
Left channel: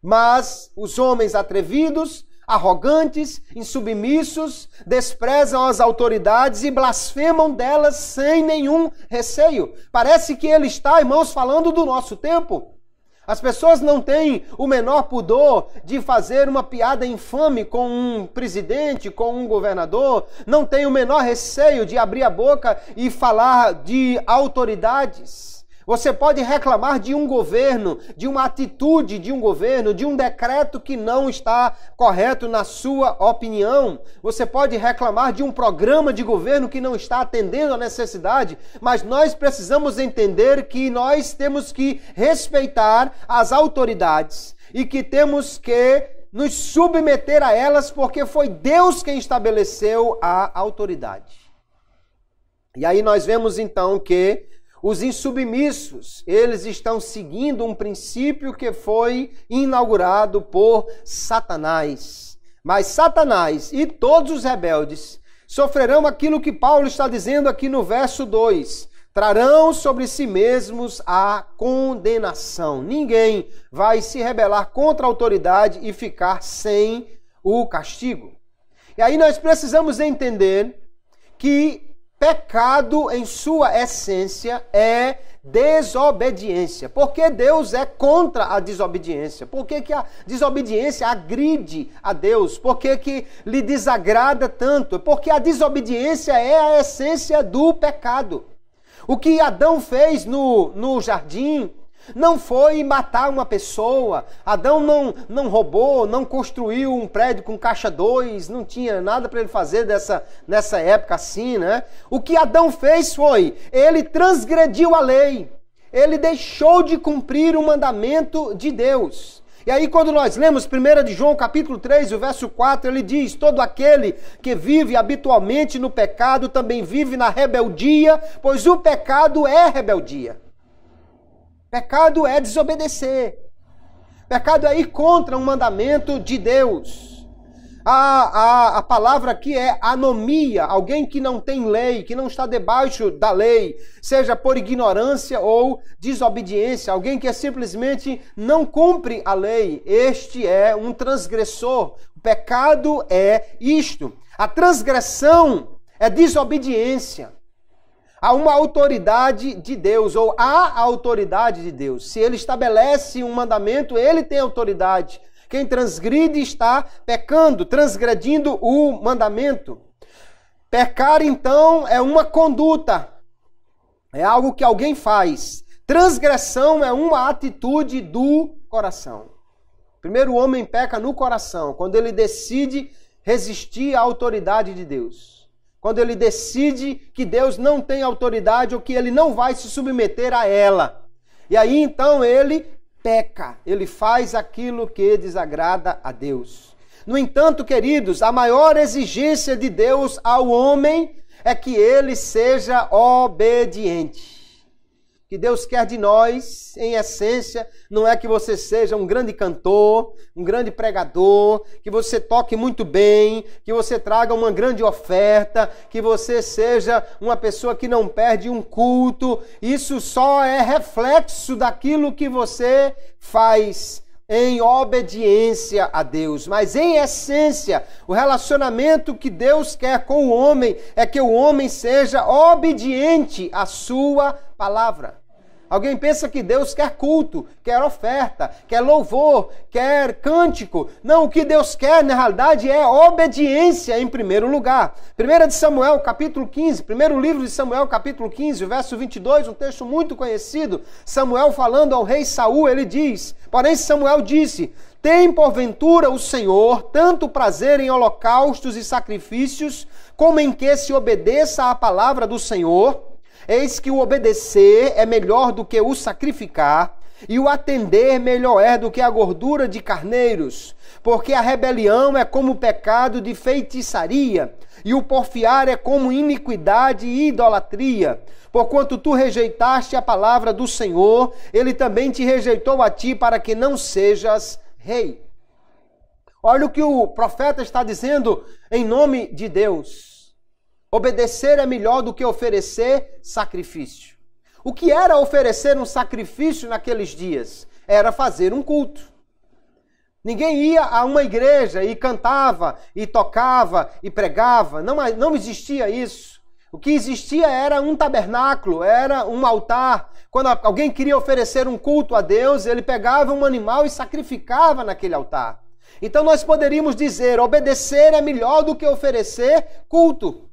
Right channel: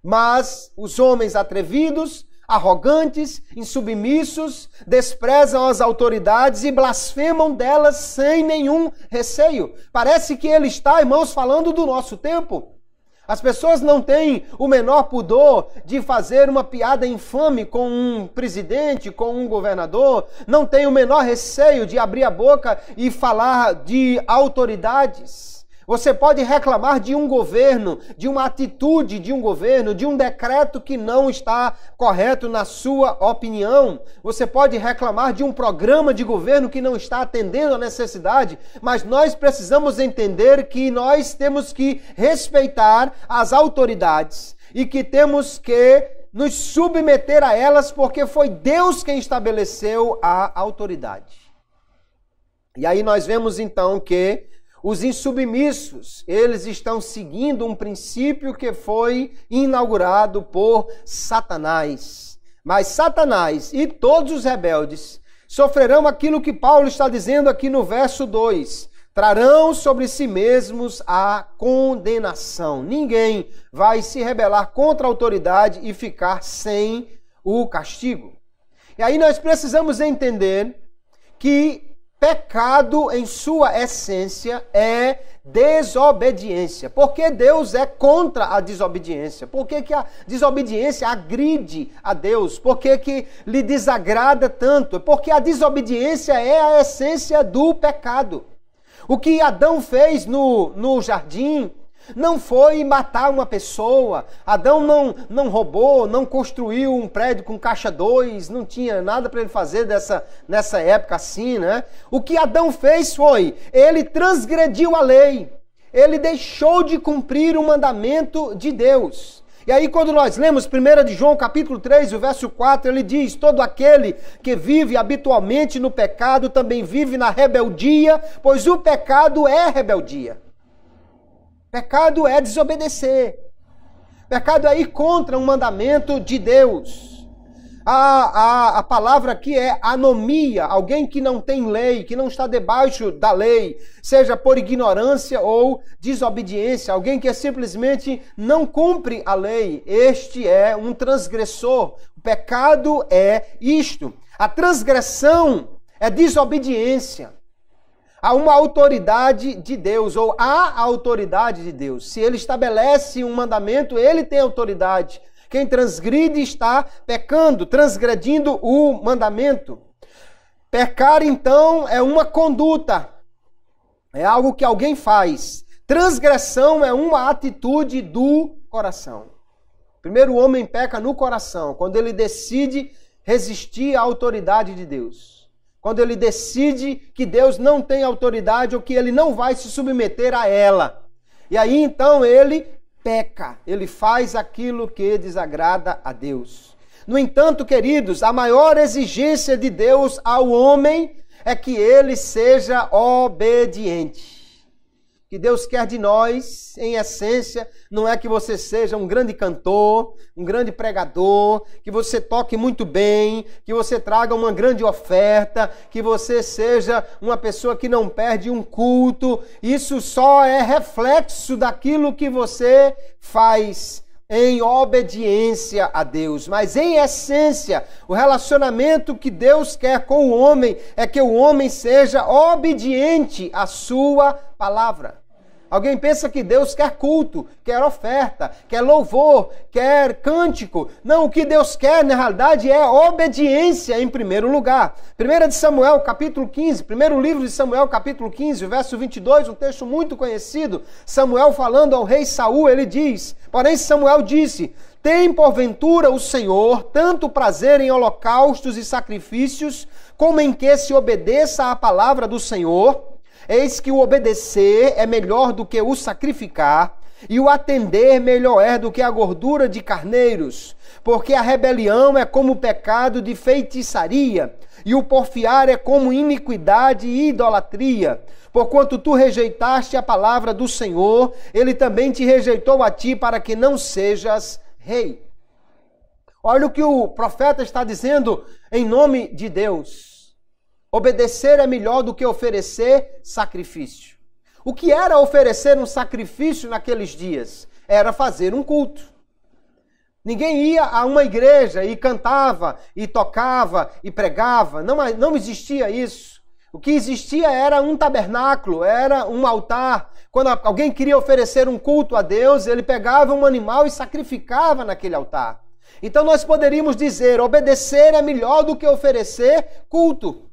Mas os homens atrevidos, arrogantes, insubmissos, desprezam as autoridades e blasfemam delas sem nenhum receio. Parece que ele está, irmãos, falando do nosso tempo. As pessoas não têm o menor pudor de fazer uma piada infame com um presidente, com um governador, não têm o menor receio de abrir a boca e falar de autoridades. Você pode reclamar de um governo, de uma atitude de um governo, de um decreto que não está correto na sua opinião. Você pode reclamar de um programa de governo que não está atendendo a necessidade, mas nós precisamos entender que nós temos que respeitar as autoridades e que temos que nos submeter a elas porque foi Deus quem estabeleceu a autoridade. E aí nós vemos então que os insubmissos, eles estão seguindo um princípio que foi inaugurado por Satanás. Mas Satanás e todos os rebeldes sofrerão aquilo que Paulo está dizendo aqui no verso 2. Trarão sobre si mesmos a condenação. Ninguém vai se rebelar contra a autoridade e ficar sem o castigo. E aí nós precisamos entender que pecado, em sua essência, é desobediência. Por que Deus é contra a desobediência? Por que a desobediência agride a Deus? Por que lhe desagrada tanto? Porque a desobediência é a essência do pecado. O que Adão fez no jardim não foi matar uma pessoa. Adão não roubou, não construiu um prédio com caixa 2, não tinha nada para ele fazer nessa época assim, né? O que Adão fez foi, ele transgrediu a lei. Ele deixou de cumprir o mandamento de Deus. E aí quando nós lemos 1 de João capítulo 3, o verso 4, ele diz, todo aquele que vive habitualmente no pecado também vive na rebeldia, pois o pecado é rebeldia. Pecado é desobedecer. Pecado é ir contra um mandamento de Deus. A palavra aqui é anomia, alguém que não tem lei, que não está debaixo da lei, seja por ignorância ou desobediência, alguém que simplesmente não cumpre a lei. Este é um transgressor. O pecado é isto. A transgressão é desobediência a uma autoridade de Deus, ou à autoridade de Deus. Se ele estabelece um mandamento, ele tem autoridade. Quem transgride está pecando, transgredindo o mandamento. Pecar, então, é uma conduta, é algo que alguém faz. Transgressão é uma atitude do coração. Primeiro, o homem peca no coração, quando ele decide resistir à autoridade de Deus. Quando ele decide que Deus não tem autoridade ou que ele não vai se submeter a ela. E aí então ele peca, ele faz aquilo que desagrada a Deus. No entanto, queridos, a maior exigência de Deus ao homem é que ele seja obediente. O que Deus quer de nós, em essência, não é que você seja um grande cantor, um grande pregador, que você toque muito bem, que você traga uma grande oferta, que você seja uma pessoa que não perde um culto. Isso só é reflexo daquilo que você faz em obediência a Deus. Mas, em essência, o relacionamento que Deus quer com o homem é que o homem seja obediente à sua palavra. Alguém pensa que Deus quer culto, quer oferta, quer louvor, quer cântico. Não, o que Deus quer, na realidade, é obediência em primeiro lugar. 1 de Samuel, capítulo 15, primeiro livro de Samuel, capítulo 15, verso 22, um texto muito conhecido. Samuel falando ao rei Saul, ele diz, porém Samuel disse, tem porventura o Senhor tanto prazer em holocaustos e sacrifícios, como em que se obedeça à palavra do Senhor? Eis que o obedecer é melhor do que o sacrificar, e o atender melhor é do que a gordura de carneiros, porque a rebelião é como o pecado de feitiçaria, e o porfiar é como iniquidade e idolatria. Porquanto tu rejeitaste a palavra do Senhor, ele também te rejeitou a ti para que não sejas rei. Olha o que o profeta está dizendo em nome de Deus. Obedecer é melhor do que oferecer sacrifício. O que era oferecer um sacrifício naqueles dias? Era fazer um culto. Ninguém ia a uma igreja e cantava, e tocava, e pregava. Não existia isso. O que existia era um tabernáculo, era um altar. Quando alguém queria oferecer um culto a Deus, ele pegava um animal e sacrificava naquele altar. Então nós poderíamos dizer, obedecer é melhor do que oferecer culto.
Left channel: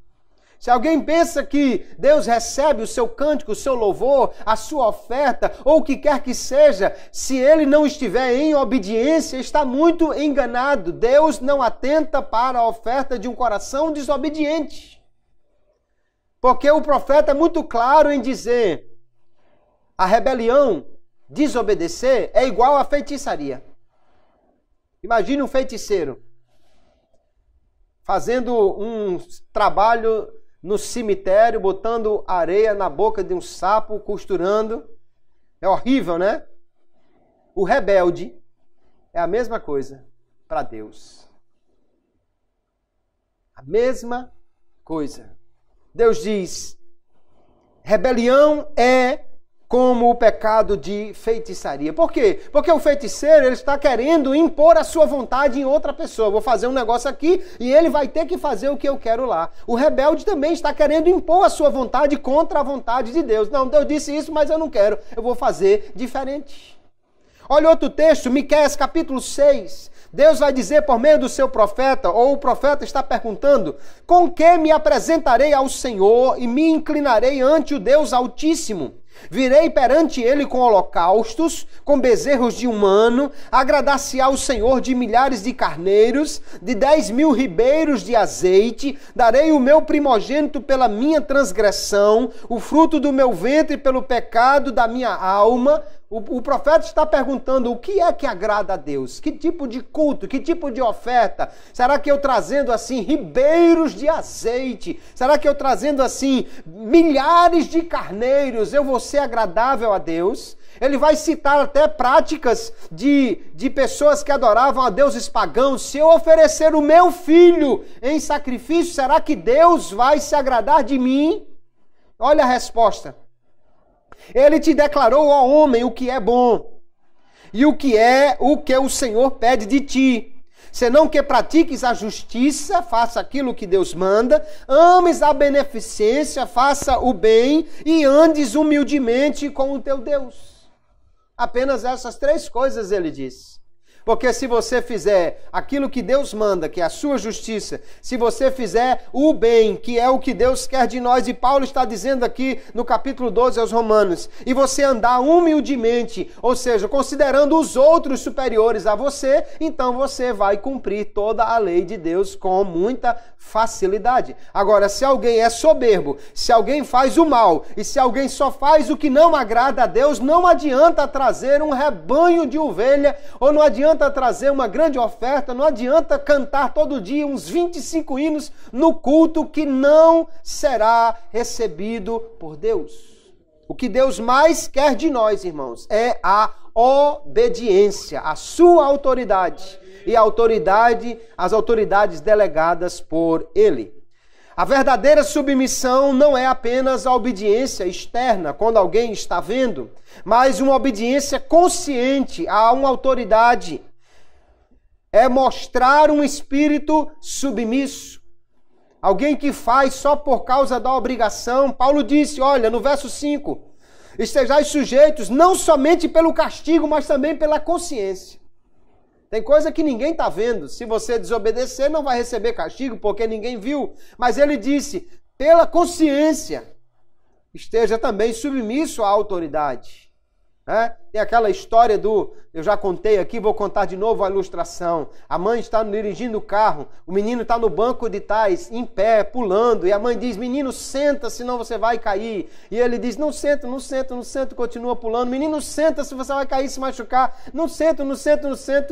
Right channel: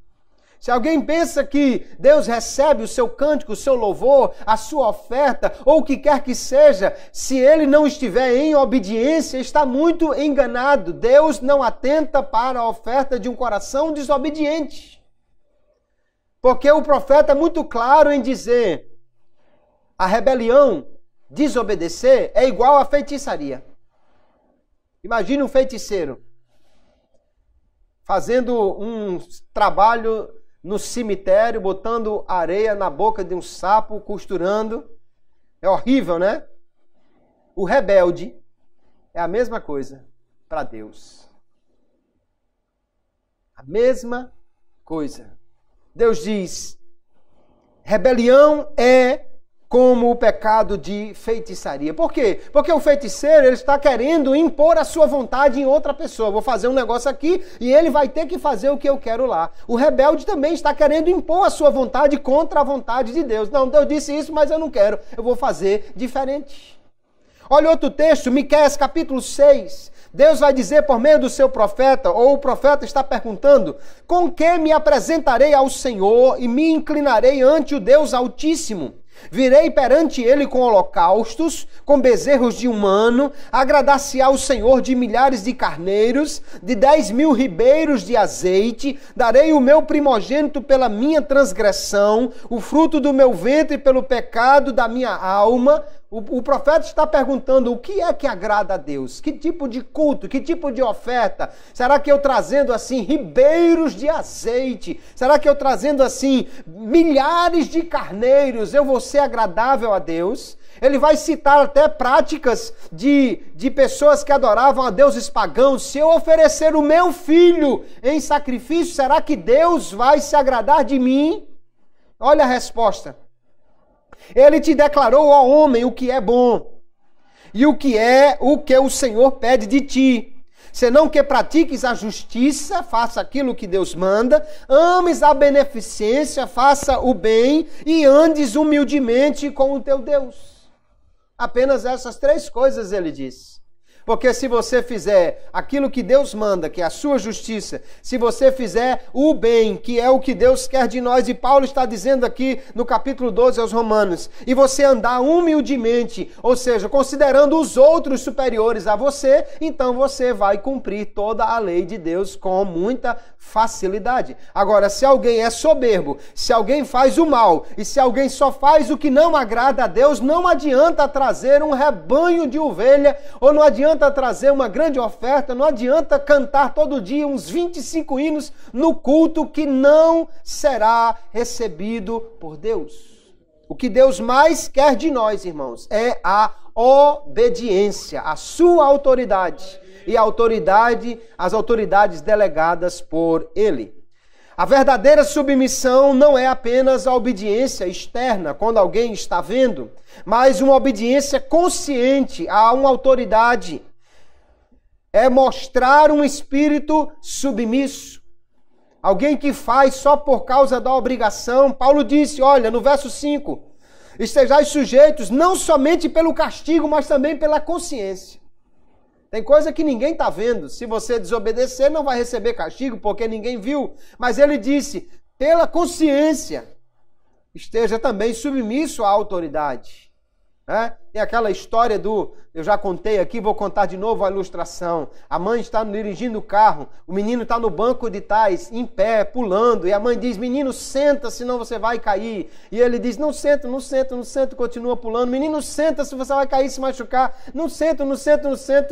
Se alguém pensa que Deus recebe o seu cântico, o seu louvor, a sua oferta, ou o que quer que seja, se ele não estiver em obediência, está muito enganado. Deus não atenta para a oferta de um coração desobediente. Porque o profeta é muito claro em dizer, a rebelião, desobedecer, é igual à feitiçaria. Imagine um feiticeiro fazendo um trabalho no cemitério, botando areia na boca de um sapo, costurando. É horrível, né? O rebelde é a mesma coisa para Deus. A mesma coisa. Deus diz, rebelião é como o pecado de feitiçaria. Por quê? Porque o feiticeiro ele está querendo impor a sua vontade em outra pessoa. Vou fazer um negócio aqui e ele vai ter que fazer o que eu quero lá. O rebelde também está querendo impor a sua vontade contra a vontade de Deus. Não, Deus disse isso, mas eu não quero. Eu vou fazer diferente. Olha outro texto, Miqueias capítulo 6. Deus vai dizer por meio do seu profeta, ou o profeta está perguntando, com que me apresentarei ao Senhor e me inclinarei ante o Deus Altíssimo? Virei perante ele com holocaustos, com bezerros de um ano, agradar-se-á o Senhor de milhares de carneiros, de 10.000 ribeiros de azeite, darei o meu primogênito pela minha transgressão, o fruto do meu ventre pelo pecado da minha alma. O profeta está perguntando o que é que agrada a Deus? Que tipo de culto? Que tipo de oferta? Será que eu trazendo assim ribeiros de azeite? Será que eu trazendo assim milhares de carneiros eu vou ser agradável a Deus? Ele vai citar até práticas de pessoas que adoravam a deuses pagãos. Se eu oferecer o meu filho em sacrifício, será que Deus vai se agradar de mim? Olha a resposta. Ele te declarou, ó homem, o que é bom e o que o Senhor pede de ti. Senão que pratiques a justiça, faça aquilo que Deus manda, ames a beneficência, faça o bem e andes humildemente com o teu Deus. Apenas essas três coisas ele diz. Porque se você fizer aquilo que Deus manda, que é a sua justiça, se você fizer o bem, que é o que Deus quer de nós, e Paulo está dizendo aqui no capítulo 12 aos Romanos, e você andar humildemente, ou seja, considerando os outros superiores a você, então você vai cumprir toda a lei de Deus com muita facilidade. Agora, se alguém é soberbo, se alguém faz o mal, e se alguém só faz o que não agrada a Deus, não adianta trazer um rebanho de ovelha, ou não adianta adianta trazer uma grande oferta, não adianta cantar todo dia uns 25 hinos no culto que não será recebido por Deus. O que Deus mais quer de nós, irmãos, é a obediência, a sua autoridade e as autoridades delegadas por Ele. A verdadeira submissão não é apenas a obediência externa, quando alguém está vendo, mas uma obediência consciente a uma autoridade. É mostrar um espírito submisso. Alguém que faz só por causa da obrigação. Paulo disse, olha, no verso 5, estejais sujeitos não somente pelo castigo, mas também pela consciência. Tem coisa que ninguém está vendo. Se você desobedecer, não vai receber castigo, porque ninguém viu. Mas ele disse, pela consciência, esteja também submisso à autoridade. Tem aquela história eu já contei aqui, vou contar de novo a ilustração. A mãe está dirigindo o carro, o menino está no banco de trás, em pé, pulando, e a mãe diz, menino, senta, senão você vai cair. E ele diz, não sento, continua pulando. Menino, senta, se você vai cair, se machucar. Não sento.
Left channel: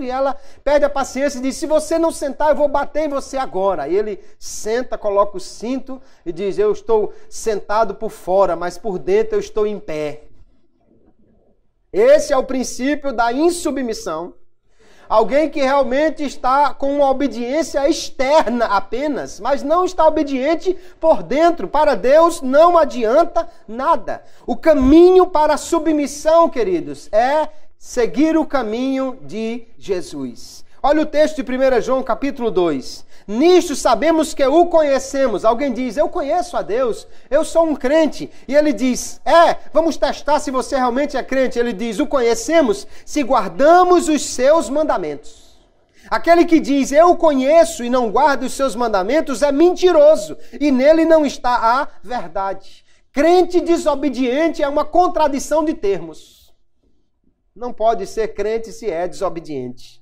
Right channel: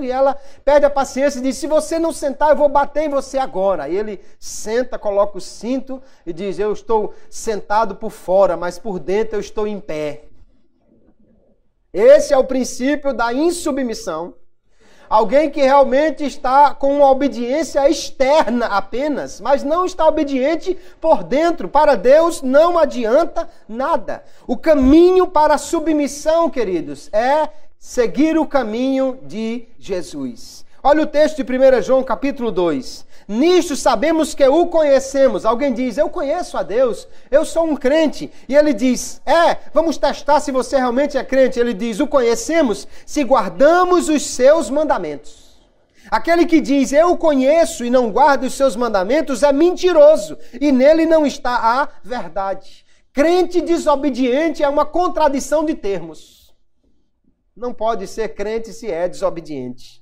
E ela perde a paciência e diz, se você não sentar, eu vou bater em você agora. E ele senta, coloca o cinto e diz, eu estou sentado por fora, mas por dentro eu estou em pé. Esse é o princípio da insubmissão. Alguém que realmente está com uma obediência externa apenas, mas não está obediente por dentro. Para Deus não adianta nada. O caminho para a submissão, queridos, é seguir o caminho de Jesus. Olha o texto de 1 João capítulo 2. Nisto sabemos que o conhecemos. Alguém diz, eu conheço a Deus, eu sou um crente. E ele diz, vamos testar se você realmente é crente. Ele diz, o conhecemos se guardamos os seus mandamentos. Aquele que diz, eu conheço e não guarda os seus mandamentos é mentiroso. E nele não está a verdade. Crente desobediente é uma contradição de termos. Não pode ser crente se é desobediente.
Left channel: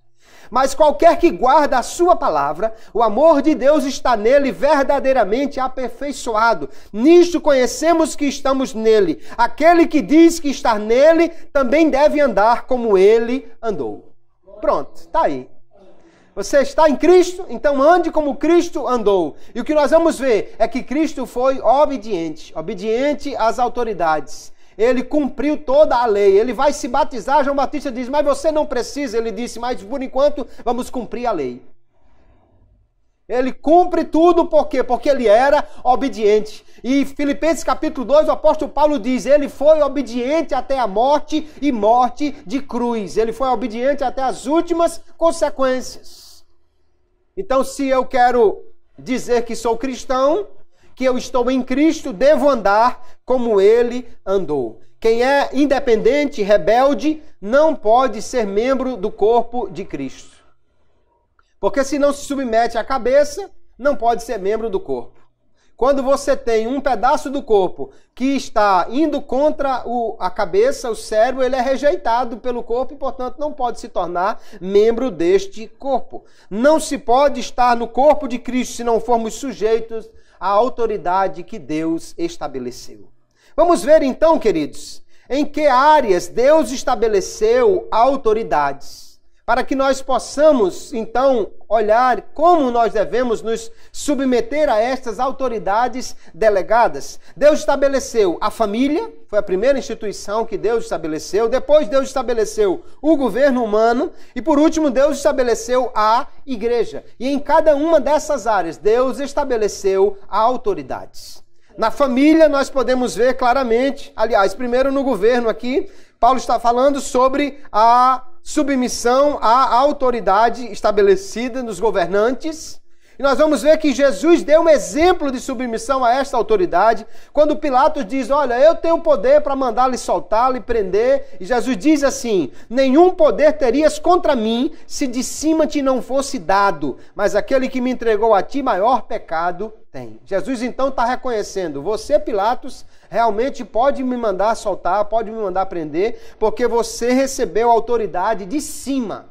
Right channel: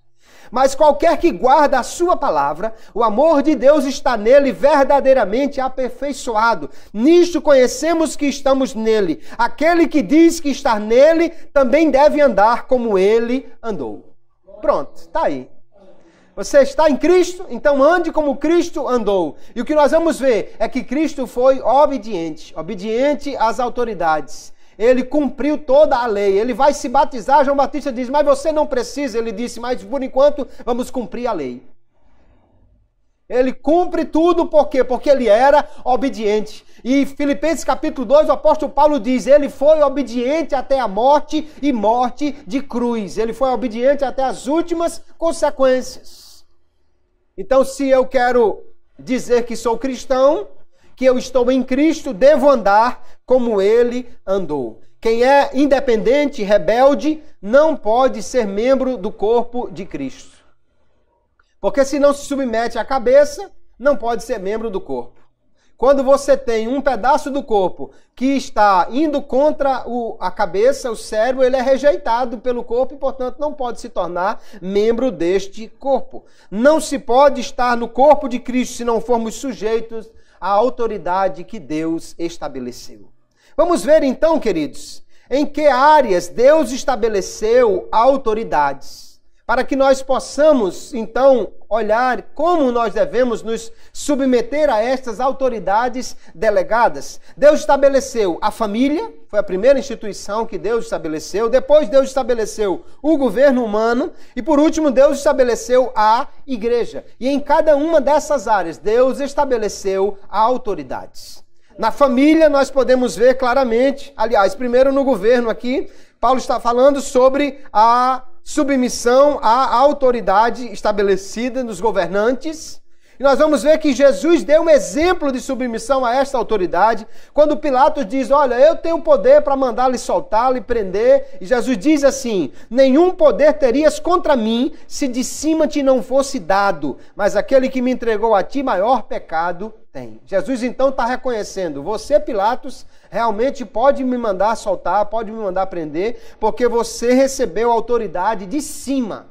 Mas qualquer que guarda a sua palavra, o amor de Deus está nele verdadeiramente aperfeiçoado. Nisto conhecemos que estamos nele. Aquele que diz que está nele também deve andar como ele andou. Pronto, está aí. Você está em Cristo, então ande como Cristo andou. E o que nós vamos ver é que Cristo foi obediente às autoridades. Ele cumpriu toda a lei. Ele vai se batizar. João Batista diz, mas você não precisa. Ele disse, mas por enquanto vamos cumprir a lei. Ele cumpre tudo por quê? Porque ele era obediente. E Filipenses capítulo 2, o apóstolo Paulo diz, ele foi obediente até a morte e morte de cruz. Ele foi obediente até as últimas consequências. Então, se eu quero dizer que sou cristão, que eu estou em Cristo, devo andar como ele andou. Quem é independente, rebelde, não pode ser membro do corpo de Cristo. Porque se não se submete à cabeça, não pode ser membro do corpo. Quando você tem um pedaço do corpo que está indo contra a cabeça, o cérebro, ele é rejeitado pelo corpo e, portanto, não pode se tornar membro deste corpo. Não se pode estar no corpo de Cristo se não formos sujeitos à autoridade que Deus estabeleceu. Vamos ver então, queridos, em que áreas Deus estabeleceu autoridades, para que nós possamos, então, olhar como nós devemos nos submeter a estas autoridades delegadas. Deus estabeleceu a família, foi a primeira instituição que Deus estabeleceu. Depois Deus estabeleceu o governo humano e, por último, Deus estabeleceu a igreja. E em cada uma dessas áreas, Deus estabeleceu autoridades. Na família, nós podemos ver claramente, aliás, primeiro no governo aqui, Paulo está falando sobre a submissão à autoridade estabelecida nos governantes. E nós vamos ver que Jesus deu um exemplo de submissão a esta autoridade, quando Pilatos diz, olha, eu tenho poder para mandar-lhe soltá-lo e prender. E Jesus diz assim, nenhum poder terias contra mim se de cima te não fosse dado, mas aquele que me entregou a ti, maior pecado tem. Jesus então está reconhecendo, você, Pilatos, realmente pode me mandar soltar, pode me mandar prender, porque você recebeu a autoridade de cima.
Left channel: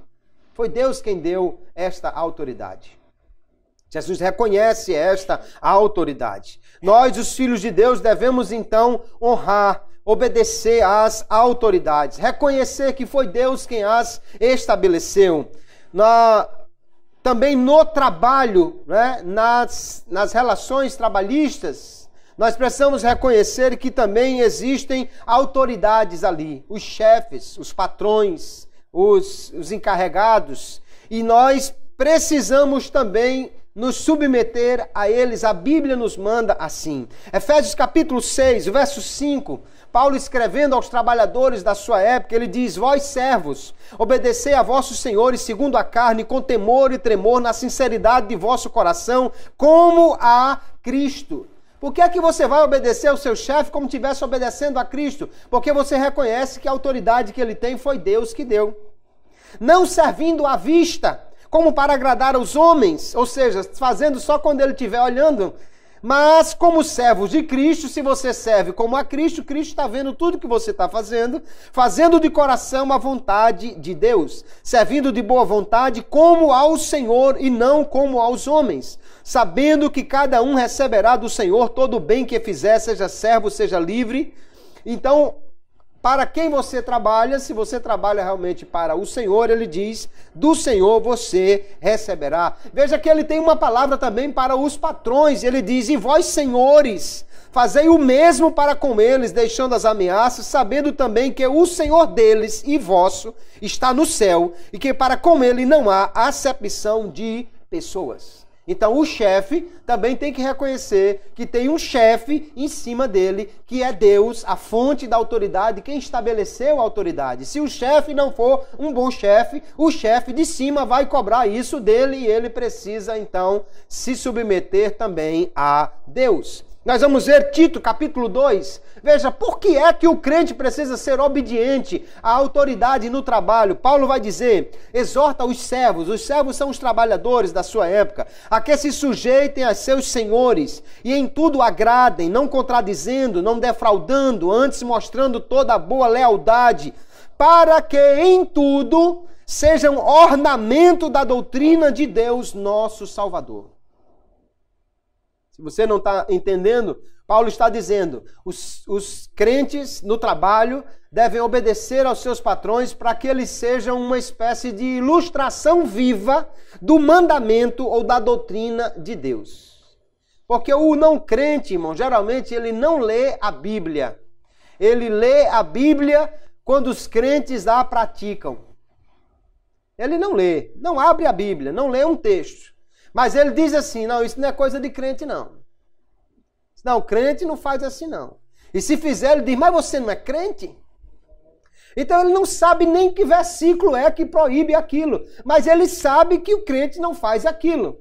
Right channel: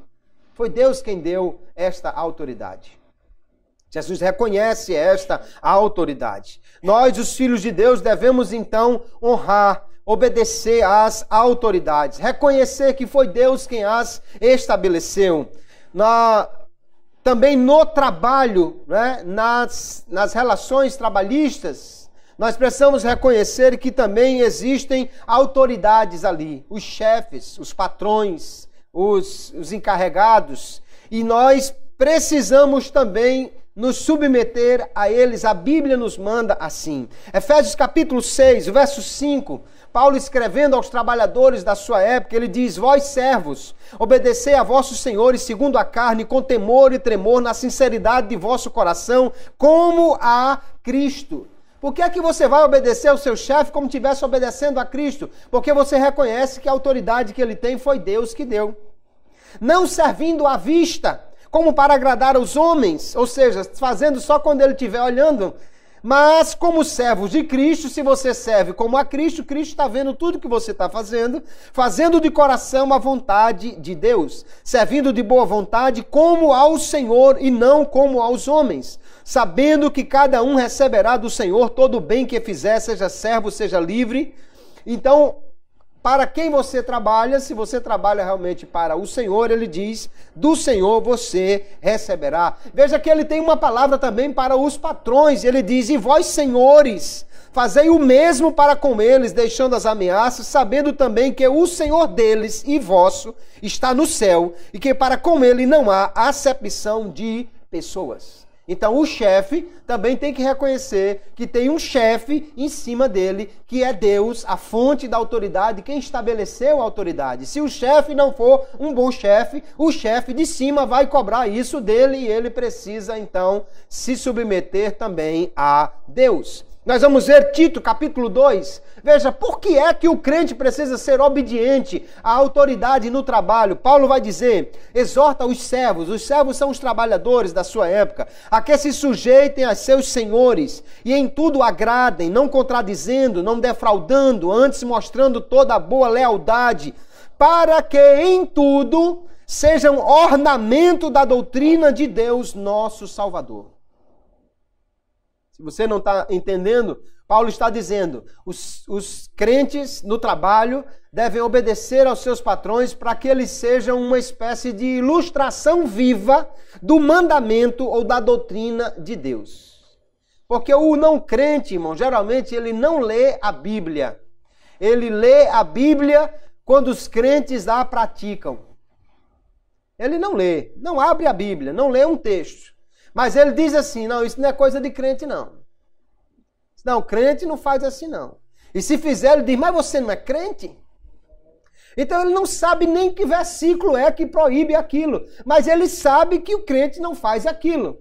Foi Deus quem deu esta autoridade. Jesus reconhece esta autoridade. Nós, os filhos de Deus, devemos então honrar, obedecer às autoridades, reconhecer que foi Deus quem as estabeleceu. também no trabalho, né? nas relações trabalhistas, nós precisamos reconhecer que também existem autoridades ali, os chefes, os patrões, os encarregados, e nós precisamos também nos submeter a eles. A Bíblia nos manda assim. Efésios capítulo 6, verso 5, Paulo escrevendo aos trabalhadores da sua época, ele diz: vós servos, obedecei a vossos senhores segundo a carne, com temor e tremor, na sinceridade de vosso coração, como a Cristo. Por que é que você vai obedecer ao seu chefe como se estivesse obedecendo a Cristo? Porque você reconhece que a autoridade que ele tem foi Deus que deu. Não servindo à vista, como para agradar aos homens, ou seja, fazendo só quando ele estiver olhando, mas como servos de Cristo. Se você serve como a Cristo, Cristo está vendo tudo que você está fazendo de coração a vontade de Deus, servindo de boa vontade como ao Senhor e não como aos homens, sabendo que cada um receberá do Senhor todo o bem que fizer, seja servo, seja livre. Então, para quem você trabalha, se você trabalha realmente para o Senhor, ele diz, do Senhor você receberá. Veja que ele tem uma palavra também para os patrões, ele diz, e vós senhores, fazei o mesmo para com eles, deixando as ameaças, sabendo também que o Senhor deles e vosso está no céu, e que para com ele não há acepção de pessoas. Então o chefe também tem que reconhecer que tem um chefe em cima dele, que é Deus, a fonte da autoridade, quem estabeleceu a autoridade. Se o chefe não for um bom chefe, o chefe de cima vai cobrar isso dele e ele precisa então se submeter também a Deus. Nós vamos ver Tito, capítulo 2. Veja, por que é que o crente precisa ser obediente à autoridade no trabalho? Paulo vai dizer, exorta os servos são os trabalhadores da sua época, a que se sujeitem a seus senhores e em tudo agradem, não contradizendo, não defraudando, antes mostrando toda a boa lealdade, para que em tudo sejam ornamento da doutrina de Deus, nosso Salvador. Se você não está entendendo, Paulo está dizendo, os crentes no trabalho devem obedecer aos seus patrões para que eles sejam uma espécie de ilustração viva do mandamento ou da doutrina de Deus. Porque o não crente, irmão, geralmente ele não lê a Bíblia. Ele lê a Bíblia quando os crentes a praticam. Ele não lê, não abre a Bíblia, não lê um texto. Mas ele diz assim, não, isso não é coisa de crente, não. Não, crente não faz assim, não. E se fizer, ele diz, mas você não é crente? Então ele não sabe nem que versículo é que proíbe aquilo. Mas ele sabe que o crente não faz aquilo.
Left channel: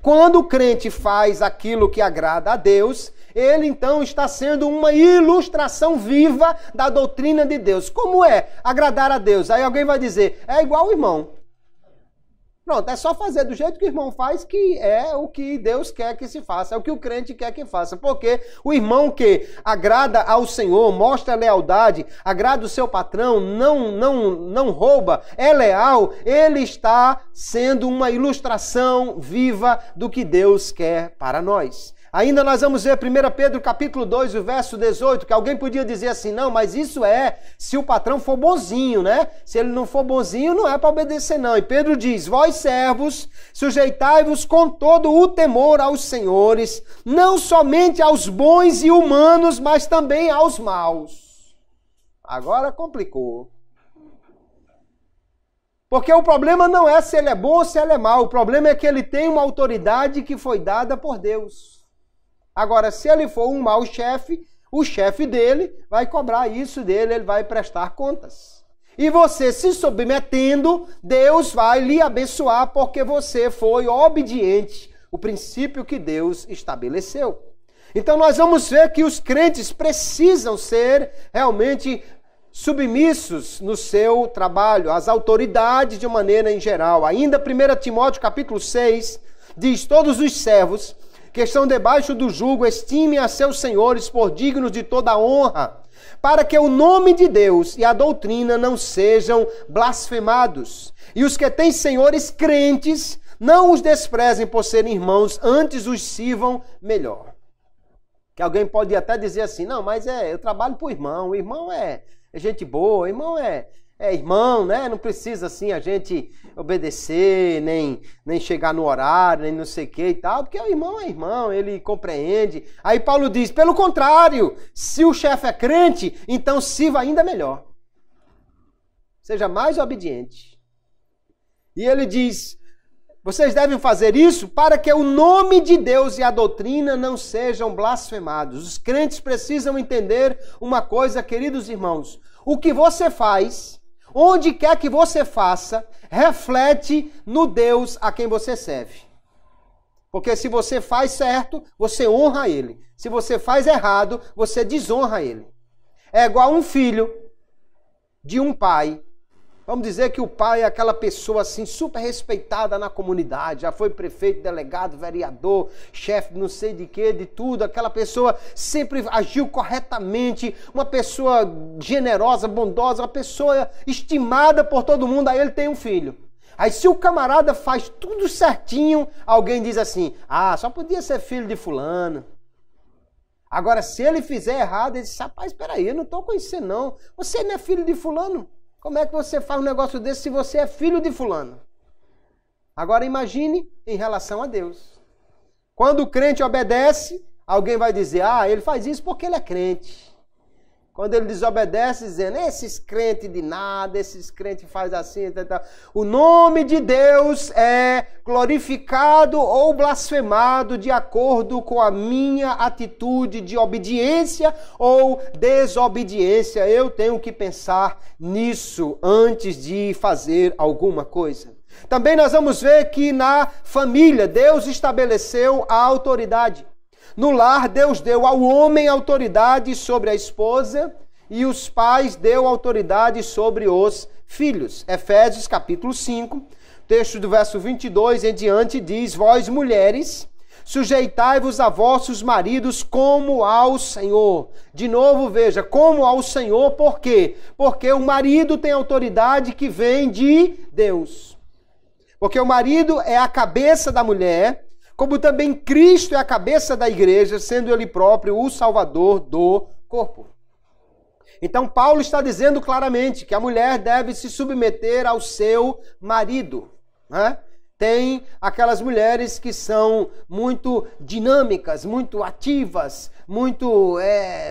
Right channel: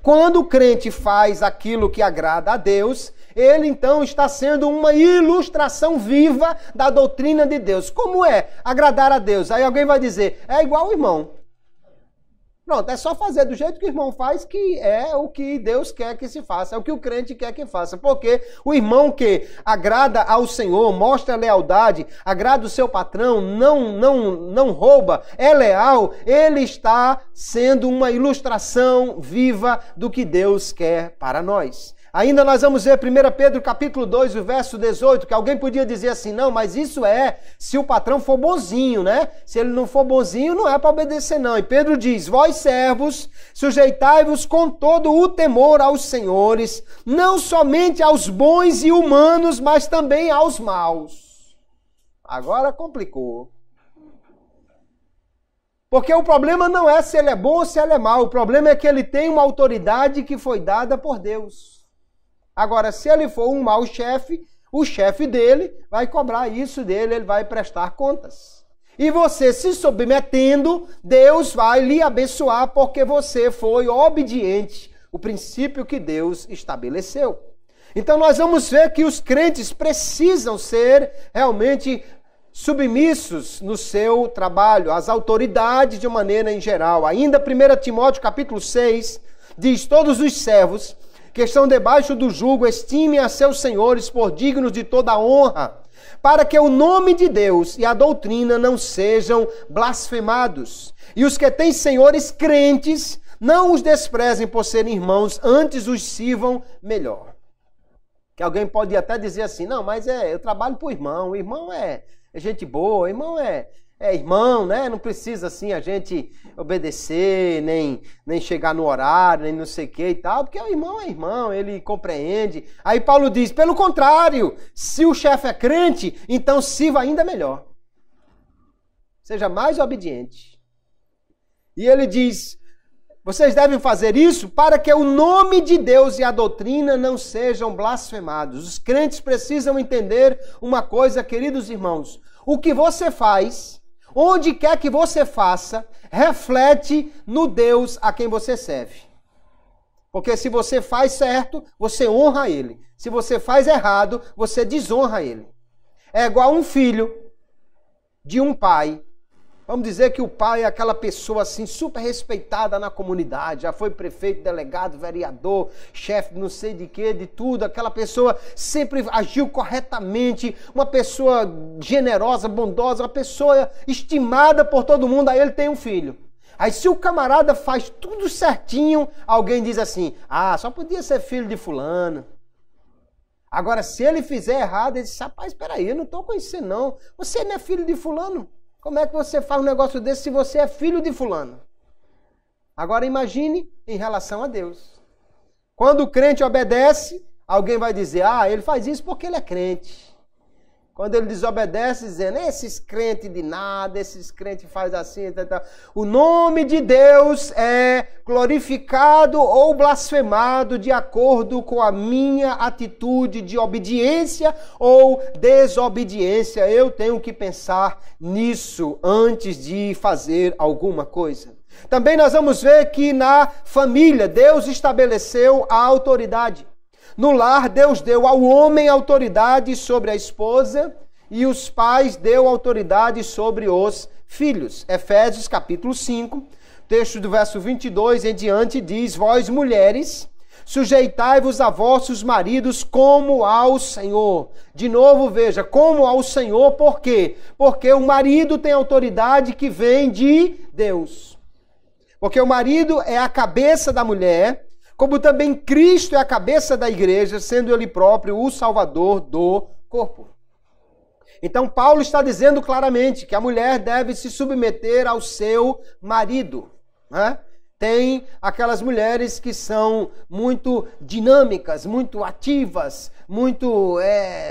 Quando o crente faz aquilo que agrada a Deus, ele então está sendo uma ilustração viva da doutrina de Deus. Como é agradar a Deus? Aí alguém vai dizer, é igual o irmão. Pronto, é só fazer do jeito que o irmão faz, que é o que Deus quer que se faça, é o que o crente quer que faça. Porque o irmão que agrada ao Senhor, mostra lealdade, agrada o seu patrão, não rouba, é leal, ele está sendo uma ilustração viva do que Deus quer para nós. Ainda nós vamos ver 1 Pedro capítulo 2, o verso 18, que alguém podia dizer assim, não, mas isso é se o patrão for bonzinho, né? Se ele não for bonzinho, não é para obedecer, não. E Pedro diz, vós servos, sujeitai-vos com todo o temor aos senhores, não somente aos bons e humanos, mas também aos maus. Agora complicou. Porque o problema não é se ele é bom ou se ele é mau, o problema é que ele tem uma autoridade que foi dada por Deus. Agora, se ele for um mau chefe, o chefe dele vai cobrar isso dele, ele vai prestar contas. E você se submetendo, Deus vai lhe abençoar porque você foi obediente, o princípio que Deus estabeleceu. Então nós vamos ver que os crentes precisam ser realmente submissos no seu trabalho, às autoridades de maneira em geral. Ainda 1 Timóteo capítulo 6 diz, todos os servos que estão debaixo do jugo, estimem a seus senhores por dignos de toda honra, para que o nome de Deus e a doutrina não sejam blasfemados. E os que têm senhores crentes, não os desprezem por serem irmãos, antes os sirvam melhor. Que alguém pode até dizer assim, não, mas eu trabalho para o irmão é gente boa, o irmão é irmão, né? Não precisa assim a gente obedecer, nem chegar no horário, nem não sei o que e tal, porque o irmão é irmão, ele compreende. Aí Paulo diz, pelo contrário, se o chefe é crente, então sirva ainda melhor. Seja mais obediente. E ele diz, vocês devem fazer isso para que o nome de Deus e a doutrina não sejam blasfemados. Os crentes precisam entender uma coisa, queridos irmãos. O que você faz, onde quer que você faça, reflete no Deus a quem você serve. Porque se você faz certo, você honra Ele. Se você faz errado, você desonra Ele. É igual um filho de um pai. Vamos dizer que o pai é aquela pessoa assim super respeitada na comunidade, já foi prefeito, delegado, vereador, chefe não sei de quê, de tudo, aquela pessoa sempre agiu corretamente, uma pessoa generosa, bondosa, uma pessoa estimada por todo mundo, aí ele tem um filho. Aí se o camarada faz tudo certinho, alguém diz assim, só podia ser filho de fulano. Agora se ele fizer errado, ele diz, rapaz, espera aí, eu não estou conhecendo não, você não é filho de fulano. Como é que você faz um negócio desse se você é filho de fulano? Agora imagine em relação a Deus. Quando o crente obedece, alguém vai dizer, ele faz isso porque ele é crente. Quando ele desobedece, dizendo, esses crentes de nada, esses crentes fazem assim, tal. O nome de Deus é glorificado ou blasfemado de acordo com a minha atitude de obediência ou desobediência. Eu tenho que pensar nisso antes de fazer alguma coisa. Também nós vamos ver que na família, Deus estabeleceu a autoridade. No lar, Deus deu ao homem autoridade sobre a esposa e os pais deu autoridade sobre os filhos. Efésios capítulo 5, texto do verso 22 em diante diz, vós mulheres, sujeitai-vos a vossos maridos como ao Senhor. De novo, veja, como ao Senhor, por quê? Porque o marido tem autoridade que vem de Deus. Porque o marido é a cabeça da mulher, como também Cristo é a cabeça da igreja, sendo Ele próprio o Salvador do corpo. Então Paulo está dizendo claramente que a mulher deve se submeter ao seu marido, né? Tem aquelas mulheres que são muito dinâmicas, muito ativas, muito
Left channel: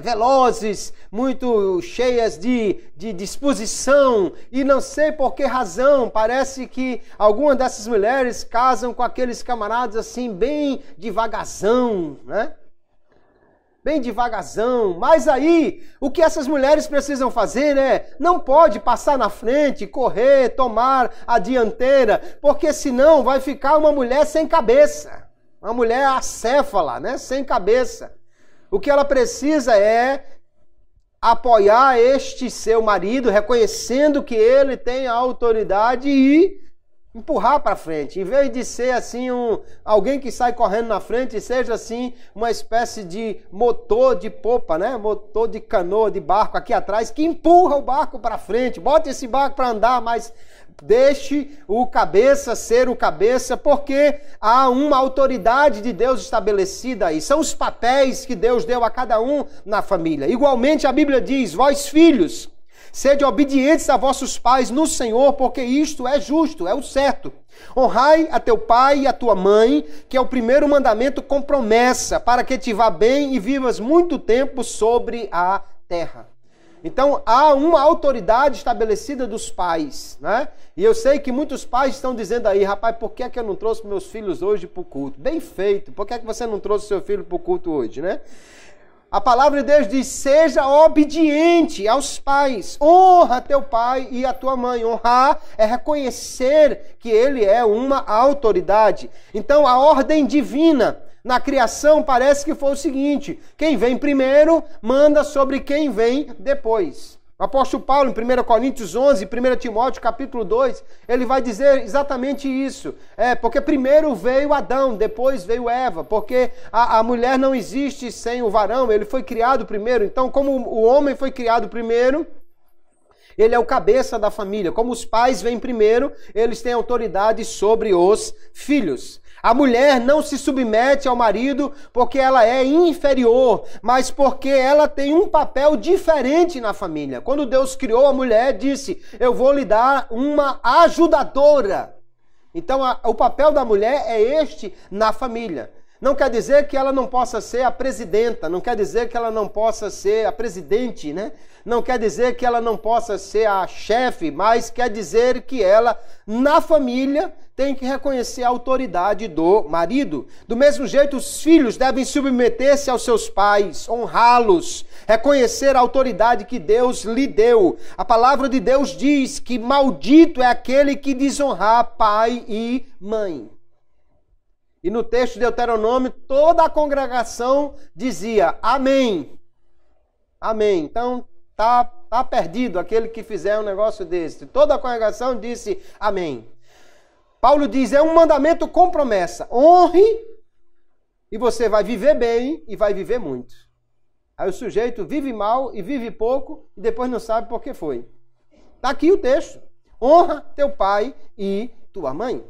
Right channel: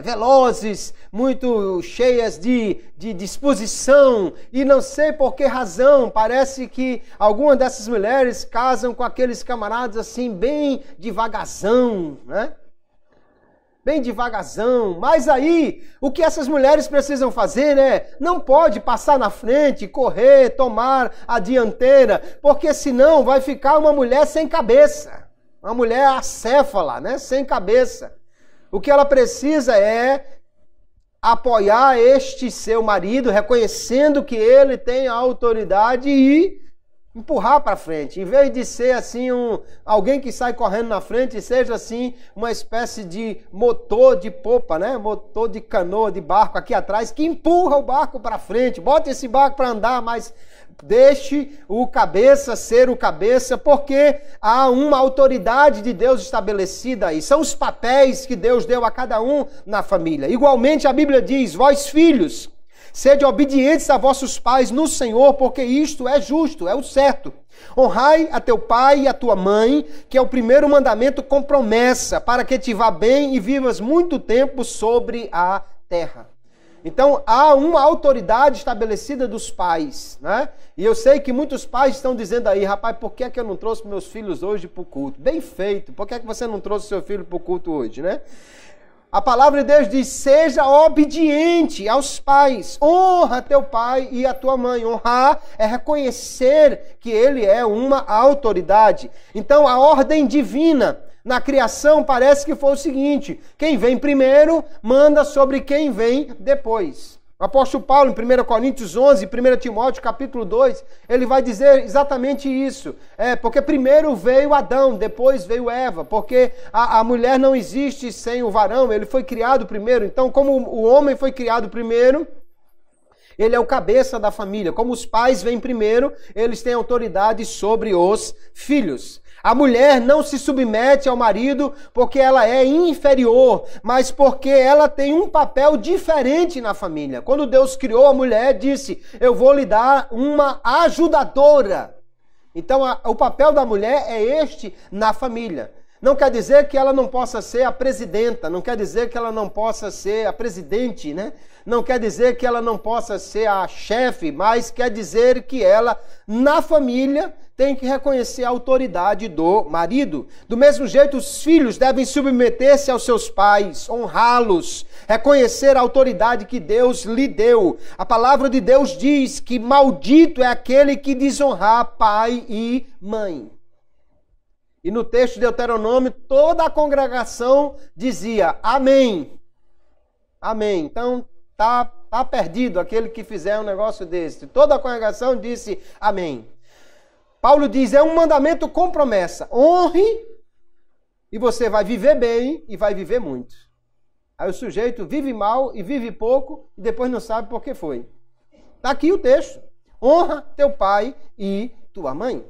velozes, muito cheias de disposição. E não sei por que razão, parece que algumas dessas mulheres casam com aqueles camaradas assim, bem devagarzão, né? Bem devagarzão, mas aí o que essas mulheres precisam fazer, né? Não pode passar na frente, correr, tomar a dianteira, porque senão vai ficar uma mulher sem cabeça, uma mulher acéfala, né? Sem cabeça. O que ela precisa é apoiar este seu marido, reconhecendo que ele tem a autoridade e empurrar para frente, em vez de ser assim alguém que sai correndo na frente, seja assim uma espécie de motor de popa, né? Motor de canoa, de barco aqui atrás, que empurra o barco para frente, bota esse barco para andar, mas deixe o cabeça ser o cabeça, porque há uma autoridade de Deus estabelecida aí, são os papéis que Deus deu a cada um na família. Igualmente a Bíblia diz, vós filhos, sede obedientes a vossos pais no Senhor, porque isto é justo, é o certo. Honrai a teu pai e a tua mãe, que é o primeiro mandamento com promessa, para que te vá bem e vivas muito tempo sobre a terra. Então, há uma autoridade estabelecida dos pais, né? E eu sei que muitos pais estão dizendo aí, rapaz, por que é que eu não trouxe meus filhos hoje para o culto? Bem feito, por que é que você não trouxe seu filho para o culto hoje, né? A palavra de Deus diz, seja obediente aos pais, honra teu pai e a tua mãe. Honrar é reconhecer que ele é uma autoridade. Então a ordem divina na criação parece que foi o seguinte, quem vem primeiro manda sobre quem vem depois. O apóstolo Paulo, em 1 Coríntios 11, 1 Timóteo capítulo 2, ele vai dizer exatamente isso. Porque primeiro veio Adão, depois veio Eva, porque a mulher não existe sem o varão, ele foi criado primeiro. Então, como o homem foi criado primeiro, ele é o cabeça da família. Como os pais vêm primeiro, eles têm autoridade sobre os filhos. A mulher não se submete ao marido porque ela é inferior, mas porque ela tem um papel diferente na família. Quando Deus criou a mulher, disse: eu vou lhe dar uma ajudadora. Então, o papel da mulher é este na família. Não quer dizer que ela não possa ser a presidenta, não quer dizer que ela não possa ser a presidente, né? Não quer dizer que ela não possa ser a chefe, mas quer dizer que ela, na família, tem que reconhecer a autoridade do marido. Do mesmo jeito, os filhos devem submeter-se aos seus pais, honrá-los, reconhecer a autoridade que Deus lhe deu. A palavra de Deus diz que maldito é aquele que desonrar pai e mãe. E no texto de Deuteronômio, toda a congregação dizia amém. Amém. Então, tá perdido aquele que fizer um negócio desse. Toda a congregação disse amém. Paulo diz, é um mandamento com promessa. Honre e você vai viver bem e vai viver muito. Aí o sujeito vive mal e vive pouco e depois não sabe por que foi. Está aqui o texto. Honra teu pai e tua mãe.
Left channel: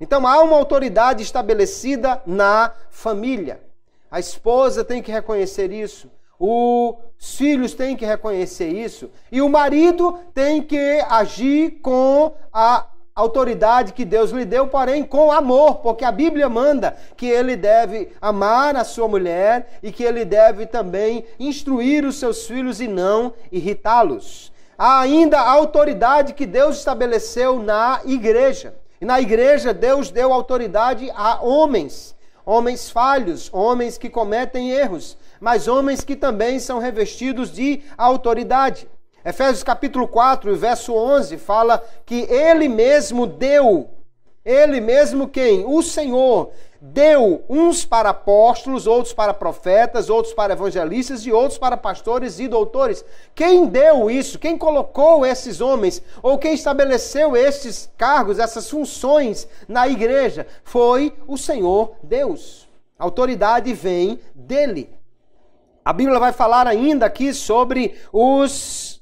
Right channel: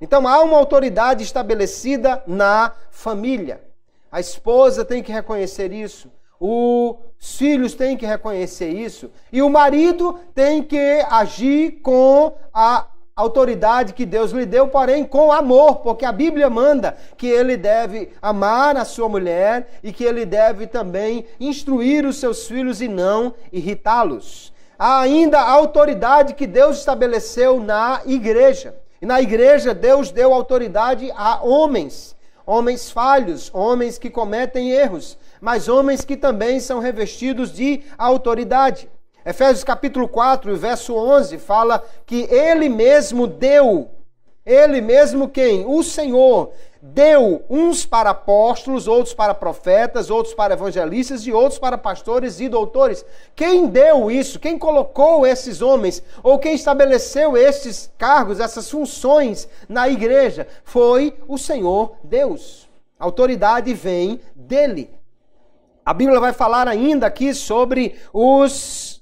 Então há uma autoridade estabelecida na família. A esposa tem que reconhecer isso. Os filhos têm que reconhecer isso. E o marido tem que agir com a autoridade que Deus lhe deu, porém com amor, porque a Bíblia manda que ele deve amar a sua mulher e que ele deve também instruir os seus filhos e não irritá-los. Há ainda a autoridade que Deus estabeleceu na igreja. E na igreja Deus deu autoridade a homens, homens falhos, homens que cometem erros, mas homens que também são revestidos de autoridade. Efésios capítulo 4, verso 11, fala que ele mesmo deu, ele mesmo quem? O Senhor deu uns para apóstolos, outros para profetas, outros para evangelistas e outros para pastores e doutores. Quem deu isso? Quem colocou esses homens? Ou quem estabeleceu esses cargos, essas funções na igreja? Foi o Senhor Deus. A autoridade vem dele. A Bíblia vai falar ainda aqui sobre os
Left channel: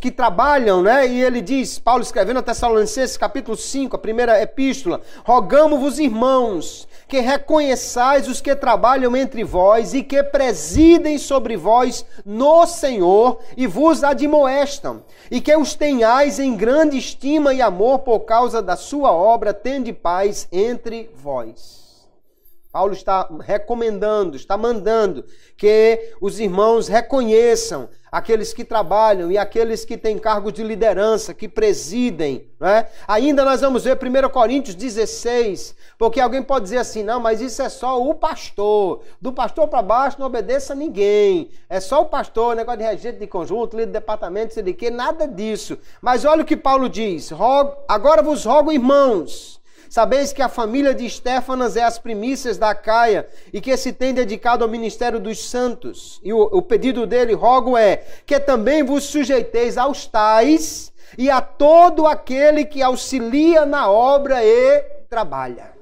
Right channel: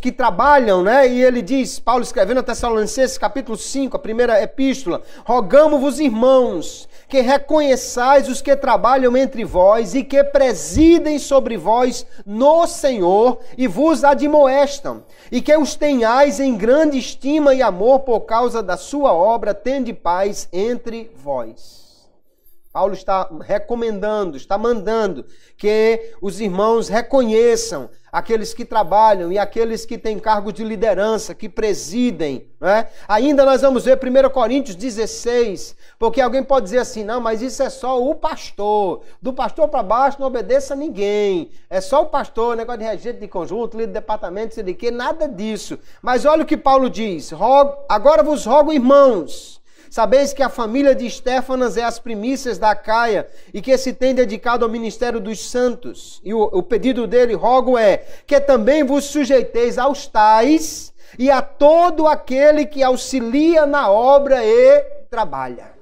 que trabalham, né? E ele diz, Paulo escrevendo a Tessalonicenses, capítulo 5, a primeira epístola, rogamo-vos, irmãos, que reconheçais os que trabalham entre vós e que presidem sobre vós no Senhor e vos admoestam, e que os tenhais em grande estima e amor por causa da sua obra, tende paz entre vós. Paulo está recomendando, está mandando que os irmãos reconheçam aqueles que trabalham e aqueles que têm cargos de liderança, que presidem. Né? Ainda nós vamos ver 1 Coríntios 16, porque alguém pode dizer assim, não, mas isso é só o pastor. Do pastor para baixo não obedeça a ninguém. É só o pastor, negócio de regente de conjunto, líder de departamento, sei de quê, nada disso. Mas olha o que Paulo diz, agora vos rogo, irmãos, sabeis que a família de Estéfanas é as primícias da Acaia e que se tem dedicado ao ministério dos santos. E o pedido dele, rogo, é que também vos sujeiteis aos tais e a todo aquele que auxilia na obra e trabalha.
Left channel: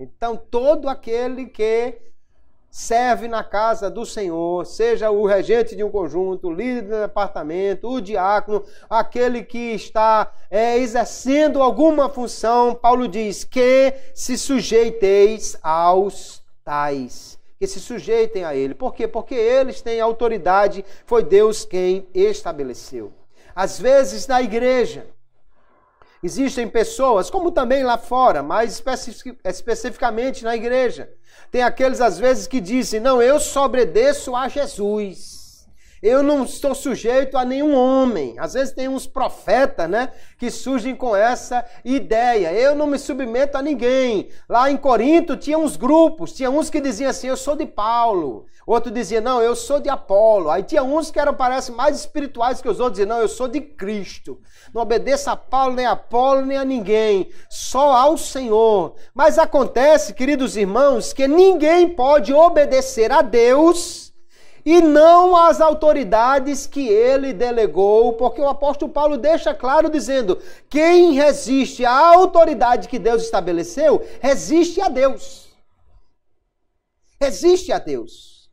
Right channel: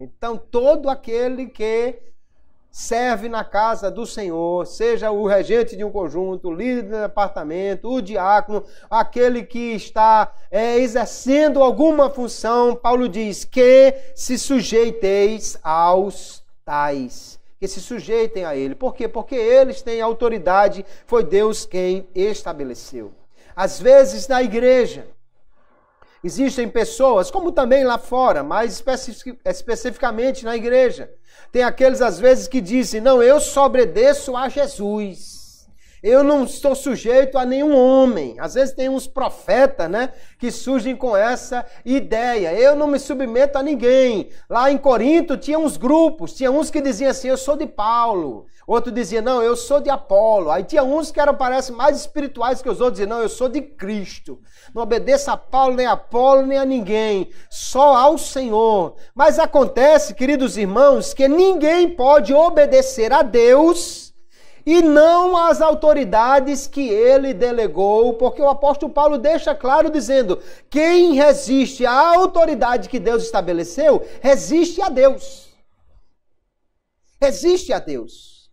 Então, todo aquele que serve na casa do Senhor, seja o regente de um conjunto, o líder do departamento, o diácono, aquele que está exercendo alguma função, Paulo diz que se sujeiteis aos tais, que se sujeitem a ele. Por quê? Porque eles têm autoridade, foi Deus quem estabeleceu. Às vezes na igreja, existem pessoas, como também lá fora, mas especificamente na igreja, tem aqueles às vezes que dizem, não, eu só obedeço a Jesus. Eu não estou sujeito a nenhum homem. Às vezes tem uns profetas, né, que surgem com essa ideia. Eu não me submeto a ninguém. Lá em Corinto tinha uns grupos, tinha uns que diziam assim, eu sou de Paulo. Outro dizia, não, eu sou de Apolo. Aí tinha uns que eram, parece, mais espirituais que os outros, diziam, não, eu sou de Cristo. Não obedeça a Paulo, nem a Apolo, nem a ninguém, só ao Senhor. Mas acontece, queridos irmãos, que ninguém pode obedecer a Deus e não às autoridades que ele delegou, porque o apóstolo Paulo deixa claro dizendo, quem resiste à autoridade que Deus estabeleceu, resiste a Deus. Resiste a Deus.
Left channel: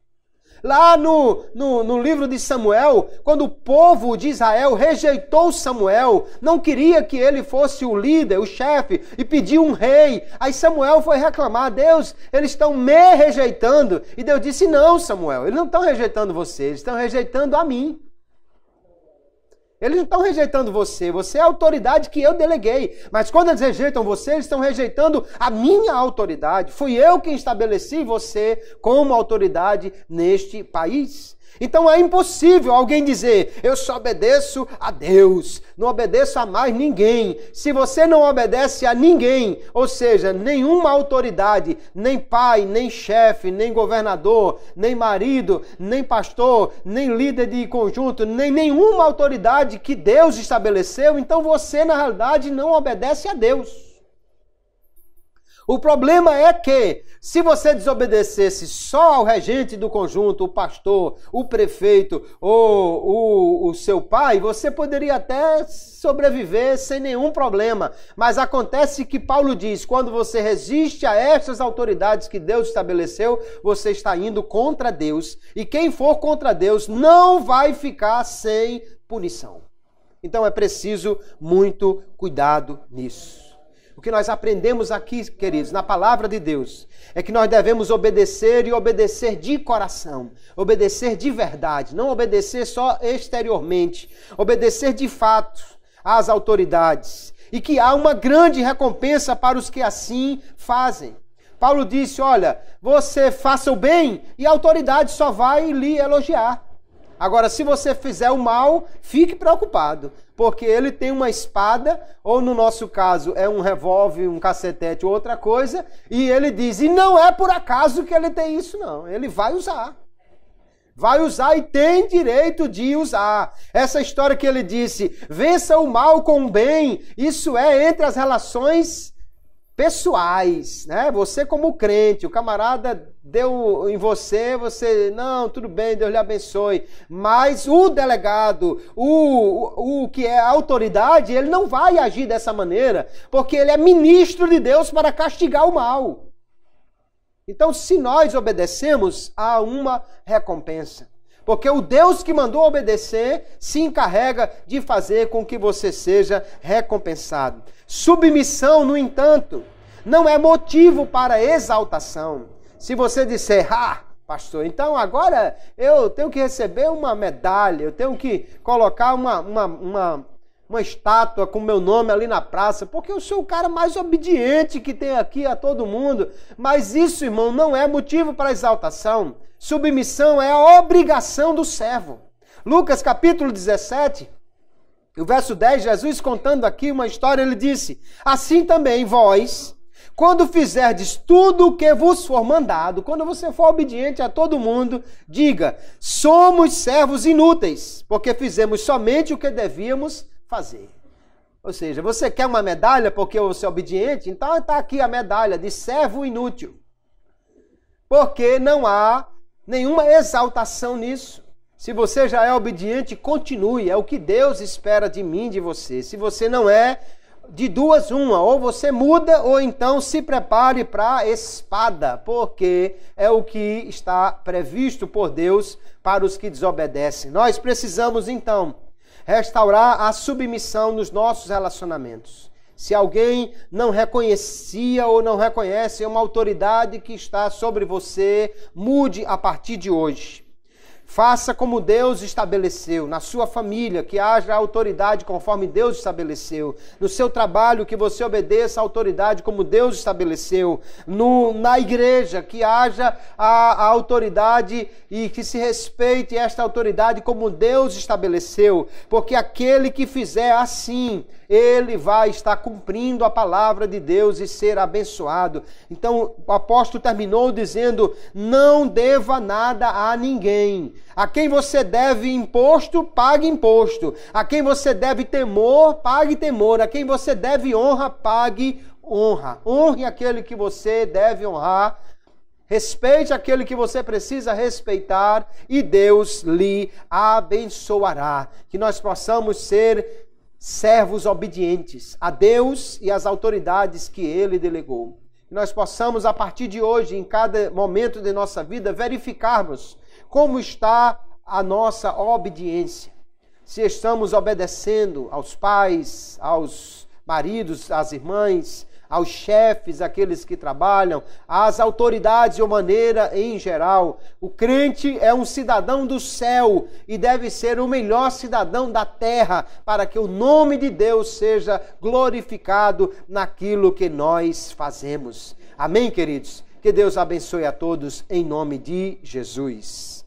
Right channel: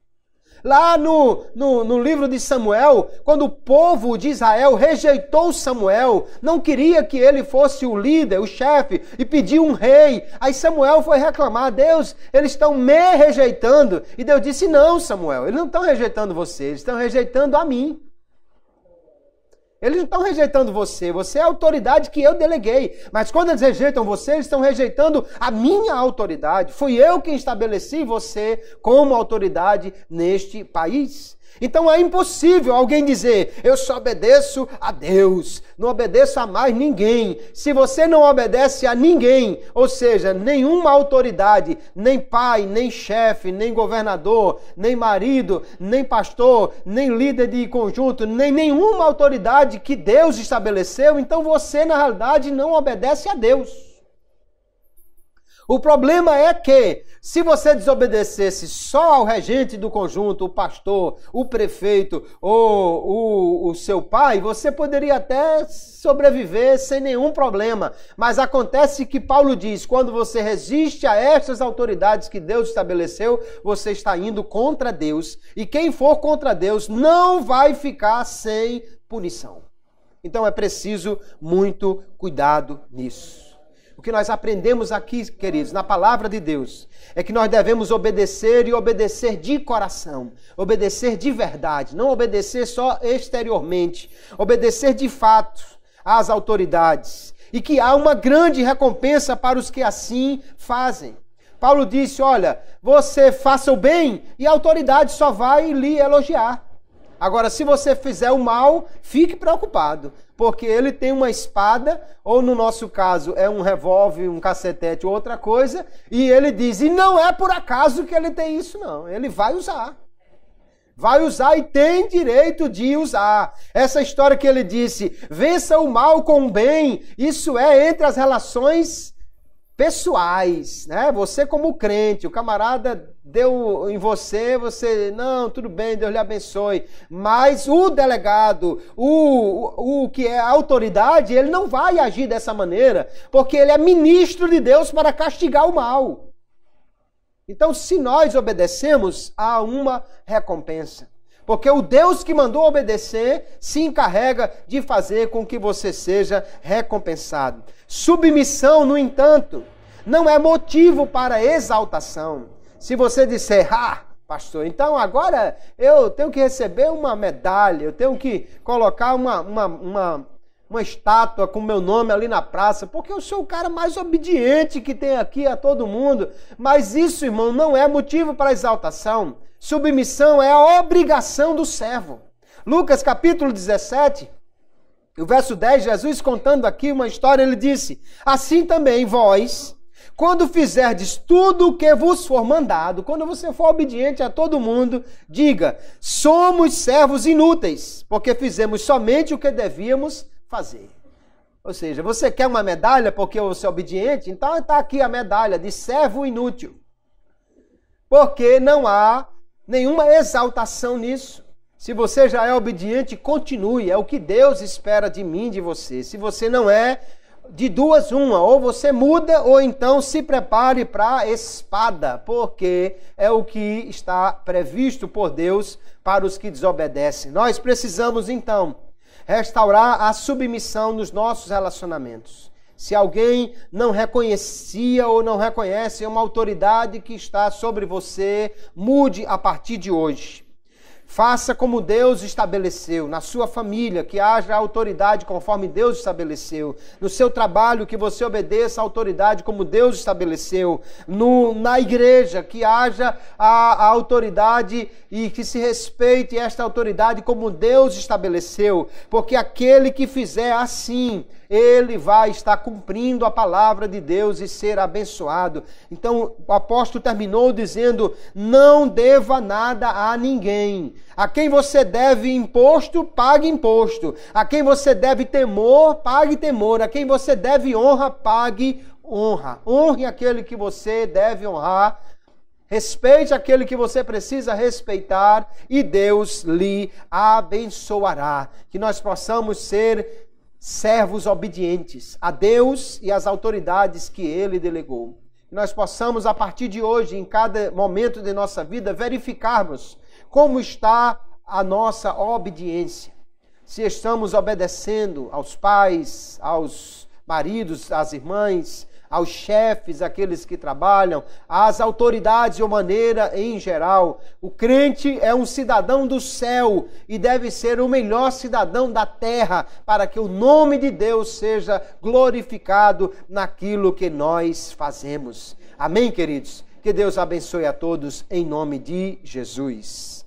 Lá no livro de Samuel, quando o povo de Israel rejeitou Samuel, não queria que ele fosse o líder, o chefe, e pediu um rei. Aí Samuel foi reclamar: Deus, eles estão me rejeitando. E Deus disse: não, Samuel, eles não estão rejeitando você, eles estão rejeitando a mim. Eles não estão rejeitando você, você é a autoridade que eu deleguei. Mas quando eles rejeitam você, eles estão rejeitando a minha autoridade. Fui eu quem estabeleci você como autoridade neste país. Então é impossível alguém dizer: eu só obedeço a Deus, não obedeço a mais ninguém. Se você não obedece a ninguém, ou seja, nenhuma autoridade, nem pai, nem chefe, nem governador, nem marido, nem pastor, nem líder de conjunto, nem nenhuma autoridade que Deus estabeleceu, então você na realidade não obedece a Deus. O problema é que, se você desobedecesse só ao regente do conjunto, o pastor, o prefeito ou o seu pai, você poderia até sobreviver sem nenhum problema. Mas acontece que Paulo diz: quando você resiste a estas autoridades que Deus estabeleceu, você está indo contra Deus. E quem for contra Deus não vai ficar sem punição. Então é preciso muito cuidado nisso. O que nós aprendemos aqui, queridos, na palavra de Deus, é que nós devemos obedecer e obedecer de coração, obedecer de verdade, não obedecer só exteriormente, obedecer de fato às autoridades, e que há uma grande recompensa para os que assim fazem. Paulo disse: olha, você faça o bem e a autoridade só vai lhe elogiar. Agora, se você fizer o mal, fique preocupado, porque ele tem uma espada, ou no nosso caso é um revólver, um cacetete ou outra coisa, e ele diz: e não é por acaso que ele tem isso, não. Ele vai usar. Vai usar e tem direito de usar. Essa história que ele disse: vença o mal com o bem, isso é entre as relações pessoais, né? Você como crente, o camarada deu em você, não, tudo bem, Deus lhe abençoe. Mas o delegado, o que é a autoridade, ele não vai agir dessa maneira, porque ele é ministro de Deus para castigar o mal. Então, se nós obedecemos, há uma recompensa. Porque o Deus que mandou obedecer se encarrega de fazer com que você seja recompensado. Submissão, no entanto, não é motivo para exaltação. Se você disser: pastor, então agora eu tenho que receber uma medalha, eu tenho que colocar uma estátua com meu nome ali na praça, porque eu sou o cara mais obediente que tem aqui a todo mundo. Mas isso, irmão, não é motivo para exaltação. Submissão é a obrigação do servo. Lucas capítulo 17, o verso 10, Jesus contando aqui uma história, ele disse: assim também vós, quando fizerdes tudo o que vos for mandado, quando você for obediente a todo mundo, diga: somos servos inúteis, porque fizemos somente o que devíamos fazer. Ou seja, você quer uma medalha porque você é obediente? Então está aqui a medalha de servo inútil. Porque não há nenhuma exaltação nisso. Se você já é obediente, continue. É o que Deus espera de mim, de você. Se você não é, de duas uma. Ou você muda, ou então se prepare para a espada. Porque é o que está previsto por Deus para os que desobedecem. Nós precisamos, então, restaurar a submissão nos nossos relacionamentos. Se alguém não reconhecia ou não reconhece uma autoridade que está sobre você, mude a partir de hoje. Faça como Deus estabeleceu. Na sua família, que haja autoridade conforme Deus estabeleceu. No seu trabalho, que você obedeça a autoridade como Deus estabeleceu. Na igreja, que haja a autoridade e que se respeite esta autoridade como Deus estabeleceu. Porque aquele que fizer assim, ele vai estar cumprindo a palavra de Deus e ser abençoado. Então, o apóstolo terminou dizendo: não deva nada a ninguém. A quem você deve imposto, pague imposto. A quem você deve temor, pague temor. A quem você deve honra, pague honra. Honre aquele que você deve honrar. Respeite aquele que você precisa respeitar e Deus lhe abençoará. Que nós possamos ser servos obedientes a Deus e às autoridades que Ele delegou. Que nós possamos, a partir de hoje, em cada momento de nossa vida, verificarmos Como está a nossa obediência? Se estamos obedecendo aos pais, aos maridos, às irmãs, aos chefes, aqueles que trabalham, às autoridades de uma maneira em geral. O crente é um cidadão do céu e deve ser o melhor cidadão da terra para que o nome de Deus seja glorificado naquilo que nós fazemos. Amém, queridos? Que Deus abençoe a todos em nome de Jesus.